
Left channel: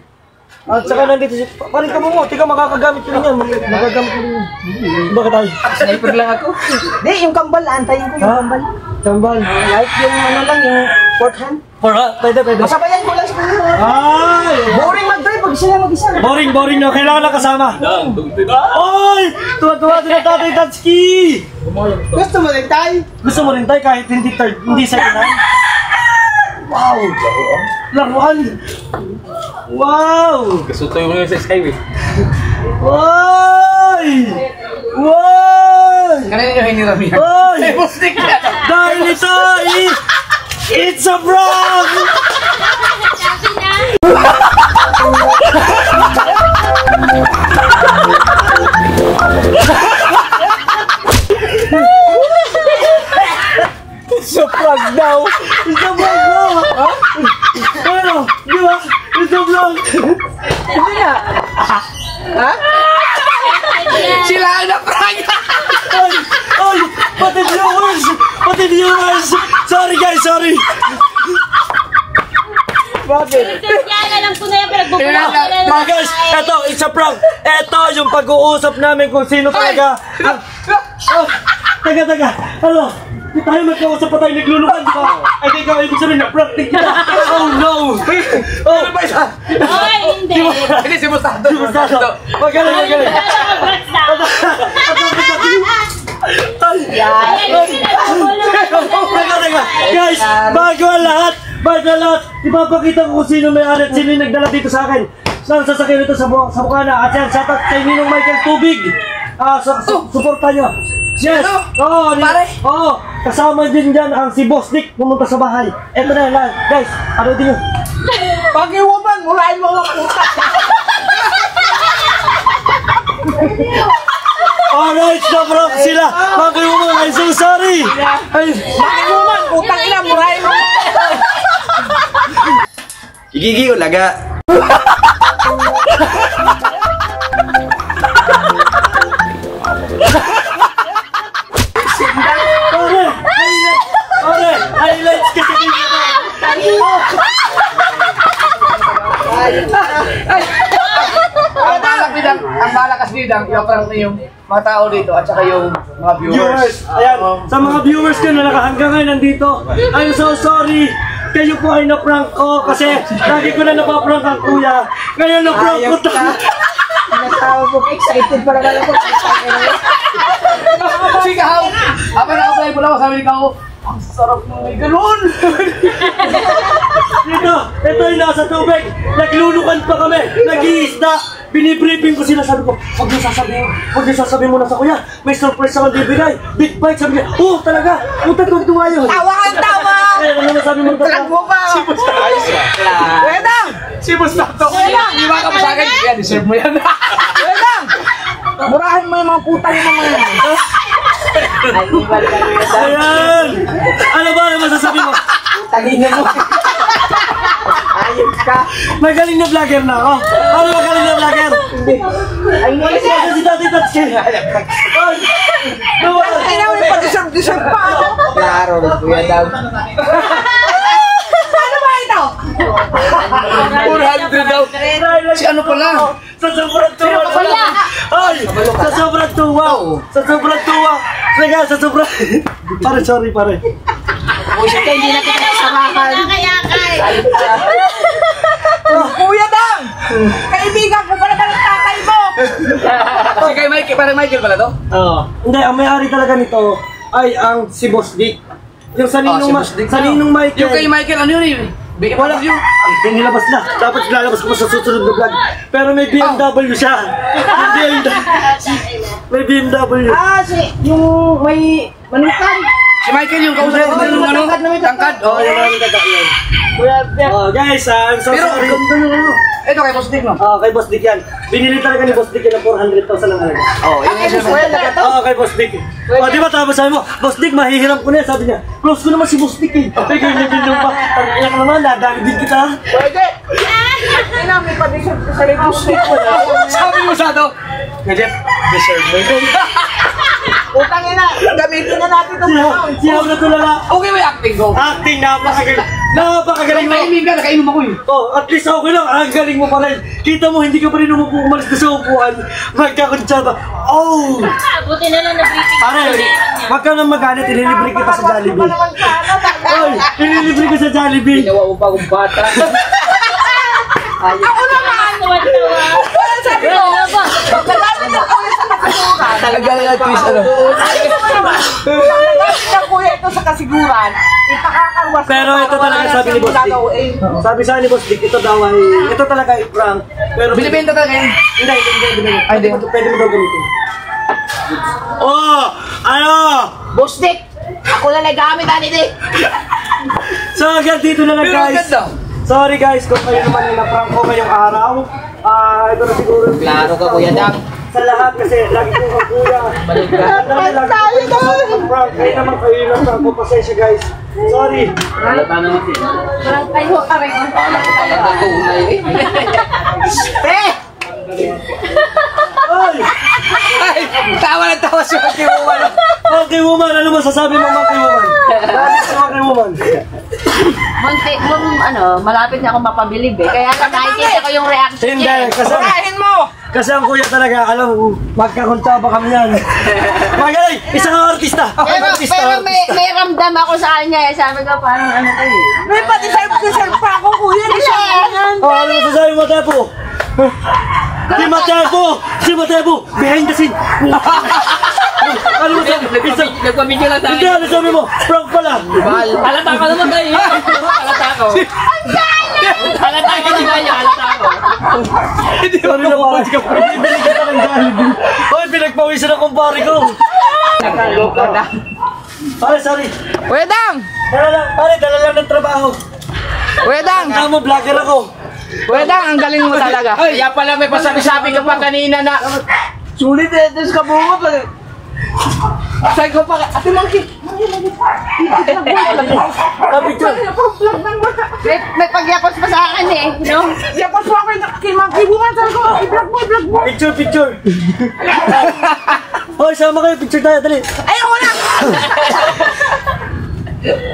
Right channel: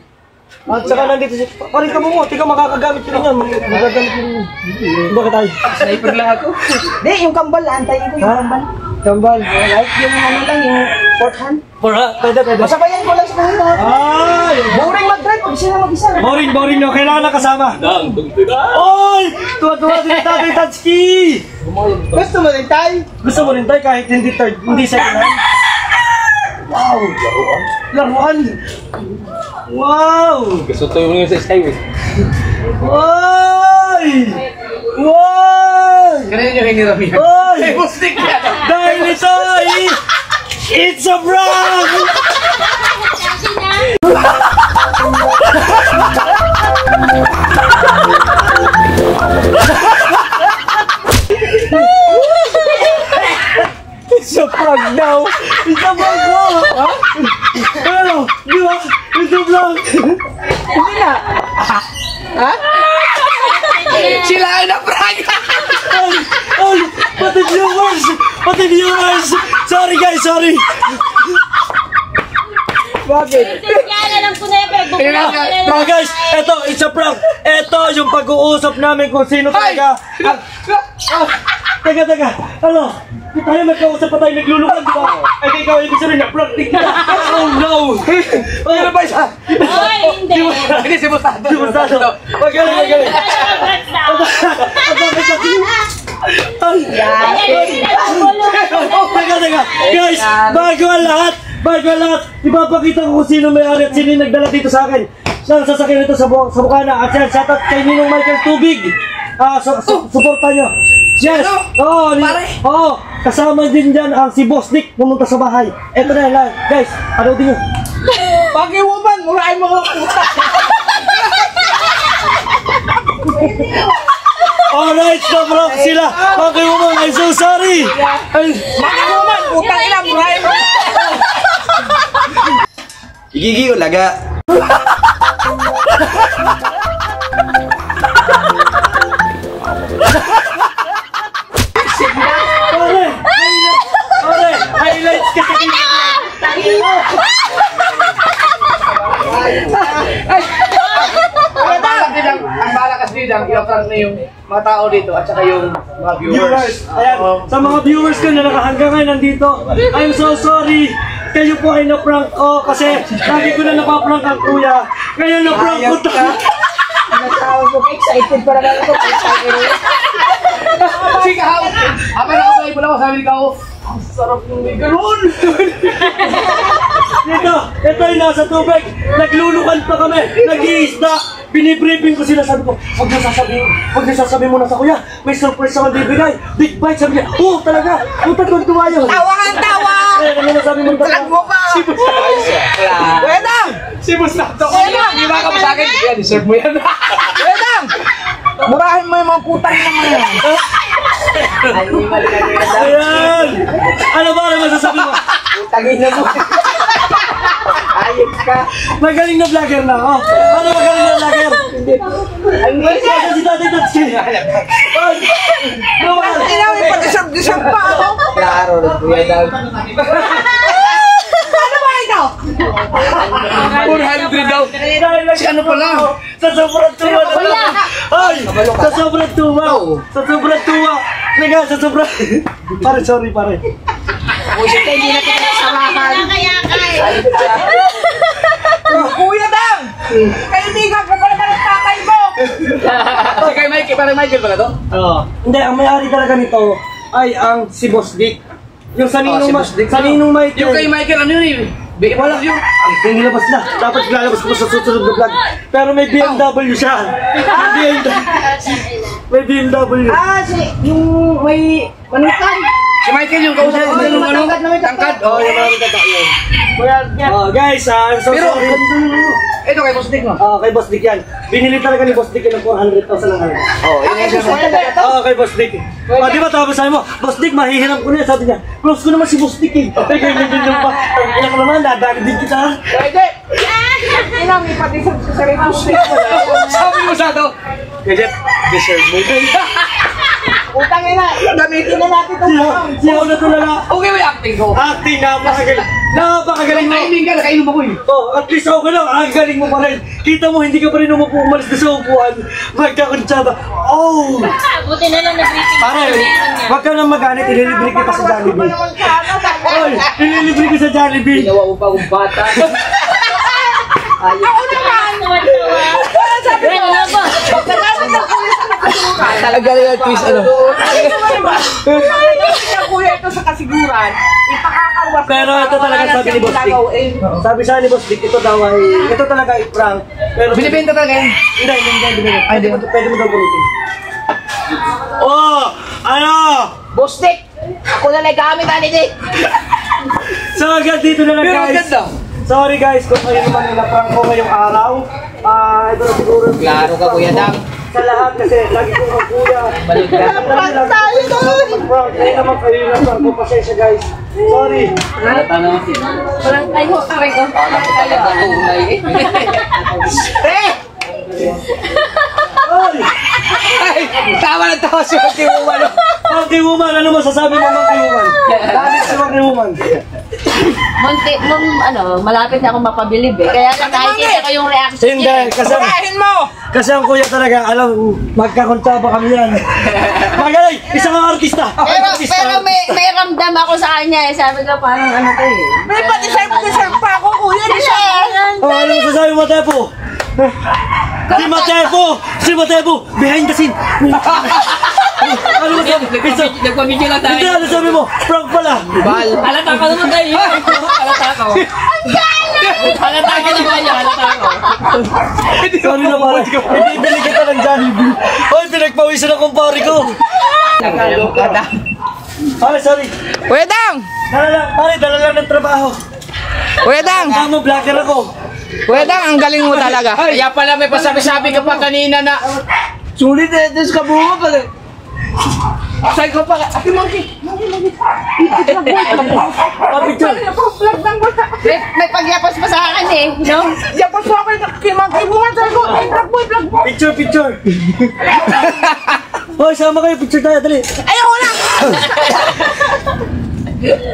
At saka nandito si... Parin ka mo mo. Tika makakagamit ko rin yan. Magagamit mo rin yan. Bakit tayo? Sniper lang ako. Hindi, yung kambal. Antayin ko yung kambal. Kambal. Like yung ano lang, yung fourth hand. Pwede. Masabayan ko lang sa kanya. Ah! Boring mag-drive pag sila mag-isa. Boring na. Kailangan na kasama. Oy! Tuwa-tuwa din ang Tatay Tatsuki! Gusto mo rin tayo? Gusto mo rin tayo kahit hindi third, hindi second hand? Wow! Laruan! Wow! Kasutoy mo yun sa Skyway. Oy! Wow! Kanina nyo hiniram yan. Oy! May bustik yan. Dahil ito ay... It's a prank! It's a prank daw! It's a prank daw! Ano? Di ba? It's a prank! Hindi na. Ha? Sila ang na-prank. Oy! Pati viewers! Sorry guys, sorry! Bakit? Kaya alam ko na yan, pero Mga guys, eto, it's a prank! Eto yung pag-uusap namin kung sino talaga ang... Taga, ano? Tayo magkausap pa tayo naglulukan, di ba? Ay, ikaw, ibig sabihin na prank kita! Oh no! Ano ba isa? Oy, hindi. Hindi si Mustato. Si Mustato! Magaling! Teka. Guys, bago ang lahat, ipapakita ko kung sino may-ari at sino yung nagdala dito sa akin. Saan sasakyan ito sa Bukana. At yan, shoutout kay Ninong Michael Tubig. Suporta nyo. Yes! Oo, kasama din dyan ang si Boss Nick pumunta sa bahay. Eto na lang, guys, ano din yun? Pag-iwaman, murahin mo ang puta. Alright, na-prank sila. Okay, woman, I'm so sorry. Pag-iwaman, putang ina, murahin mo. Igigi ulaga. Highlights kasi Ang balakas dito, i-prank na yung mga tao dito at saka yung mga viewers. Ayan, sa mga viewers ko na hanggang ngayon nandito, I'm so sorry. Kayo po ay na-prank ko kasi lagi ko na napaprank ang kuya. Ngayon na-prank ko tayo. Natawa mo, excited para lang ako. Sigaw! Habang naka-apply mo lang ako, sabi ni Kao, ang sarap nung may ganun! Ito ay nasa tubig. Naglulukan pa kami. Nag-iisda. Binibriefing ko sila. Sabi ko, huwag niyo sasabihin mo na sa kuya. May surprise ako bibigay. Big bite. Sabi niya, talaga. Tuwa yun. Tawa ang tawa! Ano nasabi mo Talag mo ka! Si Mustato! Kuya Dam! Si Mustato! Hindi ba ka sa akin? Kaya deserve mo yan. Kuya Dam! Murahin mo yung mga putang ina mo yan. Ayan. Ano ba masasabi mo? Tagin na mo. Magaling na vlogger na ako. Ano magaling na vlogger? Ay, kasi si Tatay Tatsi. Ay, Ay, namin pa, deserve pa ako. Klaro, Kuya Dam. Ano ba ito? 400 daw. Si ano pala? Sa sobrang tuwa pala. Ay, sa sobrang tuwa. Sa sobrang tuwa. Sige, sa sobrang... Pare, sorry, pare. Kuya Dam! Kaibigan ko pala ng tatay mo! Si kay Michael, parang Michael pala to? Oo. Hindi, ang may-ari talaga nito ay ang si Boss Dick. Yung sa Ninong Michael. Yung kay Michael, ano yun eh? Wala yun. Ay, nilabas na. Dapat lalabas ko sa susunod na vlog. Pero may BMW siya. May BMW. Yung may manutan. Si Michael yung kausap ko ng ano? Tangkad? Oo, wala nang tangkad yun. Oh, guys, I'm so Pero, sorry. ito kay Boss Dick, no? Kay Boss Dick yan. Binili talaga ni Boss Dick yan ng 400,000 lang halaga. Oo, yun yung siya. Kay Boss Dick. Di ba tapos sabi mo, Boss Dick, mahihiram ko na yan. Sabi niya, close ko naman si Boss Dick eh. Ay, ganyan din pa. Kaya ka naman, nadali din kita. Pwede! May pa-deserve sa sarili mo. Sabi mo sa ito, Gadget, deserve mo. Utang ina, gamitin na natin itong round. Siyaw na tulala. Okay mo yung acting ko. Acting, napakagaling mo. Naimin ka, nakainom ako eh. At least okay lang, ang galing mo pa rin. Kita mo, hindi ka pa rin umalis na sa upuan. Magkakuntsaba. Oh! Buti na lang na-briefing. Pare, wag ka nang magalit, ililibre kita sa Jollibee. Oy, ililibre ka sa Jollibee. Ginawa mo pa akong bata. Ako naman! Wala Sabi ko, na ba? nagalit ang kuya sa kasiguran. Talaga yung twist, ano? Nagalit ang kuya ito sa kasiguran. Ipakakarwas. Pero ito talaga sabi ni Boss Dick. Sabi sa ni Boss Dick, ito daw ay, ito talaga ay prank. Pero Binibenta talaga yun. Hindi. Ay, di. Pwede mo daw gamitin. Oh! Ano? Boss Dick, ako na nagamit, Dick. So agad dito na lang Pero ang guys. ganda. Sorry guys kung kayo naman yung na-prank ko ngayong araw. Ito na siguro. Klaro ka, Kuya Dam. Sa lahat kasi lagi kong kuya. Balik ka. Lagi prank. Kaya naman kayo yung na-prank ko. Pasensya guys. Sorry. Halata naman siya. Parang tayo mo ka rin. Talaga tunay eh. Ay! Ay! Tawa na tawa si Monkey Woman. Monkey Woman! Ano masasabi mo Monkey Woman? Dahil si Monkey Woman. Munti, nung malapit na ako mapabilib eh. Kaya lang nakikita ko yung reaction Hindi. Kasi ang kuya talaga, alam, magkakuntsaba kami yan. Magaling! Isang artista! Pero may ramdam ako sa kanya eh. Sabi ko parang ano to eh. May pa-deserve pa ako, kuya. Oh, ano masasabi mo, Tepo? Si Matepo! Behind the scene! Ano masasabi? Nagpamidyo lang tayo. Hindi, ano sabi mo? Prank pala! Halata ka naman tayo. Halata ko. Halata ka naman tayo. Halata ko. Sorry na pala. Hindi binigay ka ng Jollibee. Hoy, pinagpawisan akong pare ko. Ay, sorry. Kuya Dam! Dala lang ng trabaho. Kuya Dam! Tama, vlogger ako. Kuya Dam, ang galing mo talaga. Kaya pala may pasabi-sabi ka pa kanina na sulit eh, des ka bunga pa eh. Sabi ko pa, Ate Monkey. Picture. May pagyapos pa sa akin eh. No? Yapos po ako kay Monkey. Sabi ko, ay, vlog mo. Picture. Hoy, sama kayo. Picture tayo, dali. Ayoko na!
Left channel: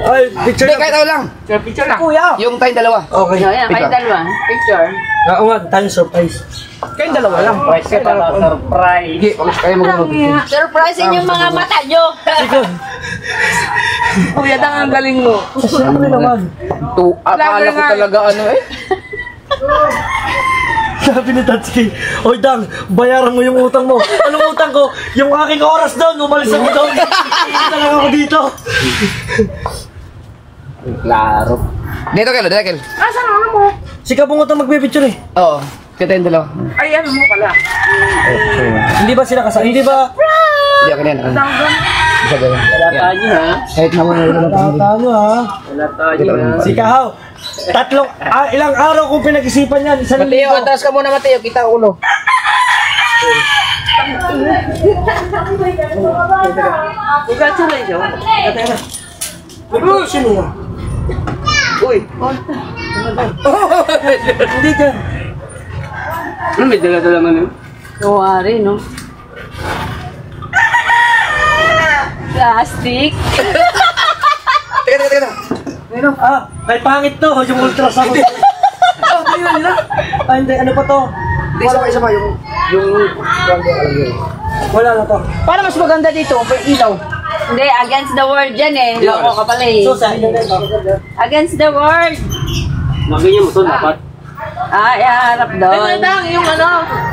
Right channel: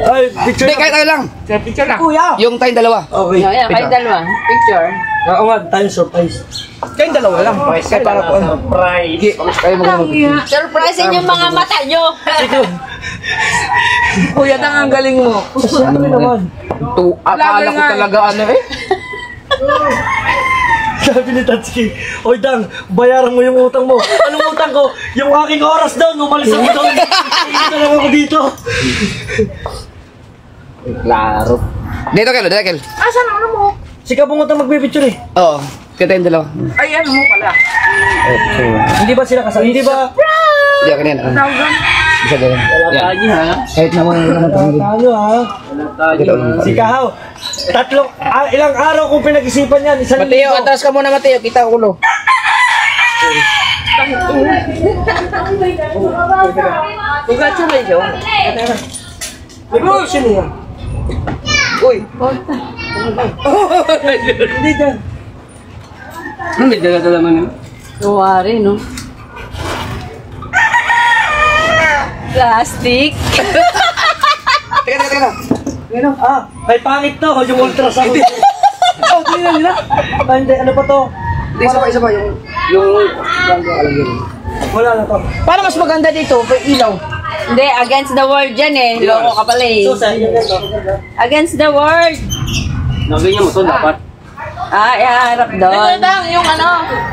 Ay, picture Hindi, kahit tayo lang. Picture na. Kuya. Yung tayong dalawa. Okay. Yung yan, kayo dalawa. Picture. Oo nga, tayong surprise. Kayong dalawa lang. Kaya para po. Surprise. Kaya mag-picture. Surprisein yung mga mata nyo. Kuya Dam, ang galing mo. Siyempre naman. Akala ko talaga ano eh. Sabi ni Tatsuki, Oy Dang, bayaran mo yung utang mo. Anong utang ko? Yung aking oras doon, umalis ako doon. Hindi talaga ako dito. Klaro. Dito Kel. Asan ano mo? Si Kabungot ang magpipicture eh. Oo. Kaya tayong dalawa. Ay, ano mo pala? Hindi ba sila kasama? Hindi ba? Hindi ako nila. Bisa ganyan. Wala tayo ha. Kahit naman Tayo ha. Si Kahaw. Ilang araw kong pinag-isipan yan. Isang Mateo, linggo. atras ka muna Mateo. Kita ko ulo. Congratulations. Nag-reaction niya. Uy! Hindi dyan. May dala-dala man yun. Kuwari, no? Plastic. Teka. Ano? May pangit to. Yung ultrasound. Tingnan nila. Hindi, ano pa to? Hindi, isa pa yung... Wala na to. Para mas maganda dito, may ilaw. Hindi, against the world dyan eh. Loko ka pala eh. So, sa inyo na ito. Against the world. Nabigyan mo ito, dapat. Iharap doon. Yung ano,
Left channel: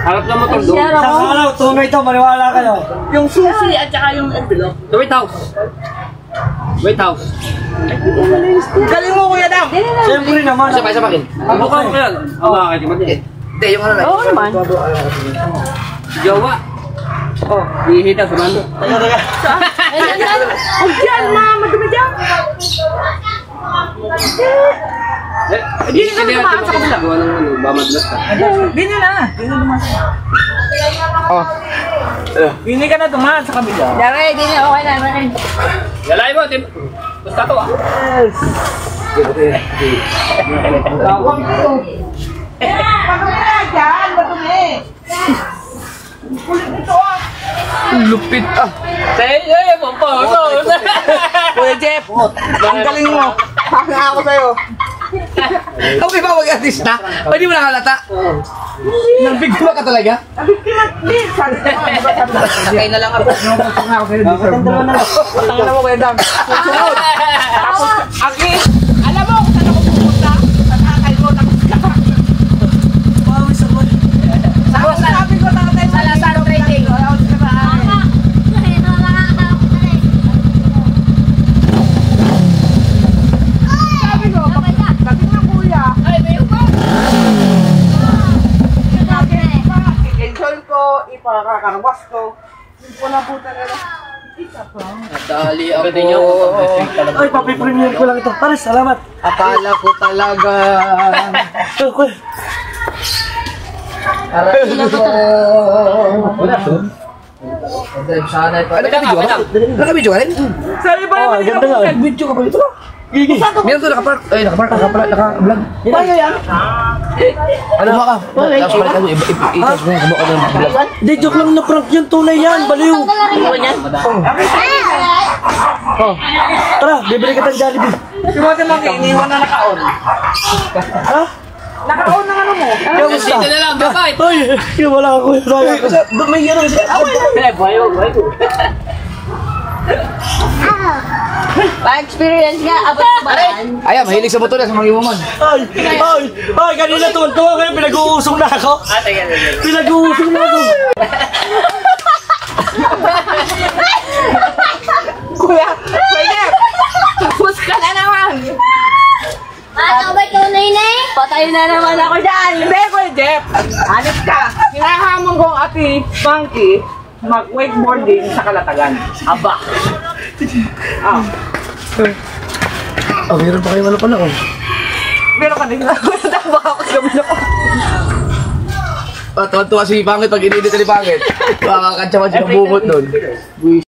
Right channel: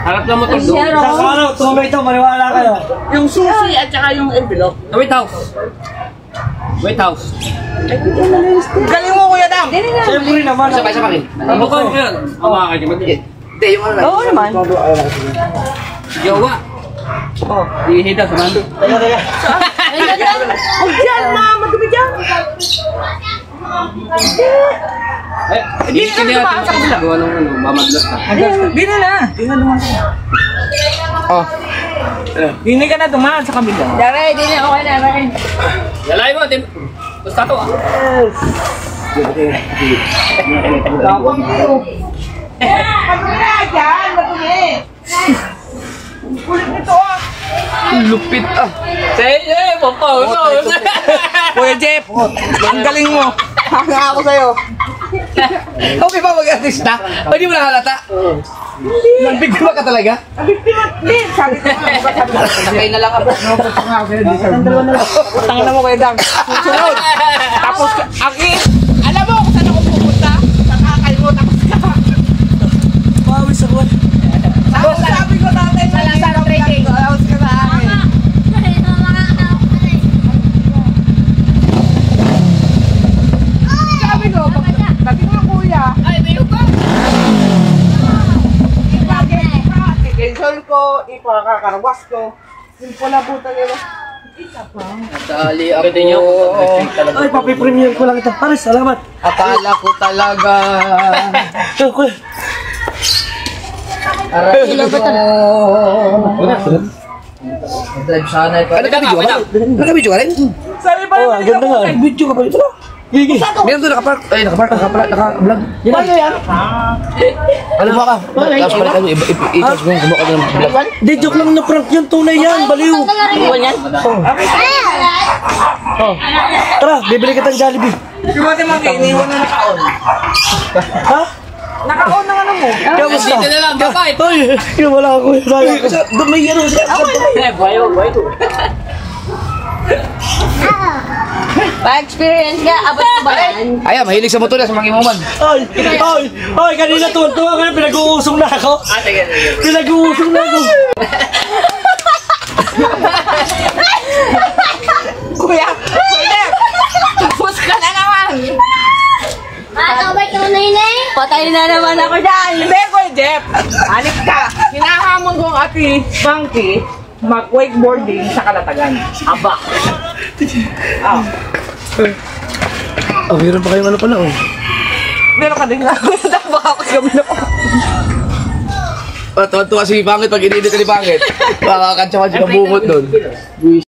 Harap ng motor Ay, doon. siya, Sa Ro. kalaw, tumay ito. Maniwala kayo. yung susi at saka yung envelope. Sa White House. White House. Galing mo, Kuya Dam. Siyempre naman. Isa pa akin. Ang bukaw ko yan. Ang makakitiman niya. Hindi, yung ano na. Oo naman. Jowa. Ihihita sa mando. Teka. Ayun na. Diyan, ma, maganda dyan. Hindi ka niya ito makakagawa ng ano, mamadlat ka. Bili na. Yun na dumaan. Hindi ka na dumaan sa kabila. Dare, di na. Okay na. Okay. Yalay mo, Tim. Basta to ah. Tapang ito. Madumi na dyan, madumi. Kulit nito ah. Lupit ah. Sige, pampaw. Kuya Jeff, ang galing mo. Hanga ako sa'yo. Okay ba mag-artista? Pwede mo na halata? Nagbigma ka talaga? Hindi, sabi ko. Sakay na lang ako. Tangin mo, Kuya Dam. Susunod. Tapos, aki, alam mo kung saan ako pupunta? Sa kakal mo, tapos ka. Tapos sabi ko tatay, sa Lazaro Trading. Sabi ko, sabi niyo kuya. Ay, may upa. Ipagin ka, i-cancel ko, ipakakarwas ko. Hindi ko na puta nila. Natali ako. Pwede niyo. Ay, papipremiere ko lang ito. Pare, salamat. Akala ko talaga. Drive sana ito. Ano ka video? Ano ka video ka rin? Sabi pa naman nila ganda nga. kung Video ka pa ito? Gigi. Meron doon nakapark. Ay, nakapark. Naka-vlog. ano yan? Ano ba ka? Tapos balik ka doon. I-charge mo yung kumaka doon. Hindi, joke lang na prank yun. Tunay yan. Baliw. Tara, bibili kita ng Jollibee. Simuti mo kayo, iniwan na naka-on. Ha? Naka-on na ano mo? Kamusta? Dito na lang, bakit? Ay, yun wala ako. Sayang ko. Doon may ano. Pa-experience nga, abot ba yan? Ayan, mahilig sa motor yan sa mga iwaman. Ay, kanina tuwan-tuwa kayo. Pinag-uusong na ako. Pinag-uusong na ako. Kuya, tapos ka na naman. Patay na naman ako dyan. Hindi, Kuya Jeff. Hanip ka. Hinahamon kong ati Bunky mag-wakeboarding sa Kalatagan. Aba. Oh, meron pa kayong ano pala, oh. Meron ka din na. Tama ako sa gabi na. Tuwa-tuwa si Pangit pag inedit ka ni Pangit. Makakantsa ka siya ng bukot doon. Buwis.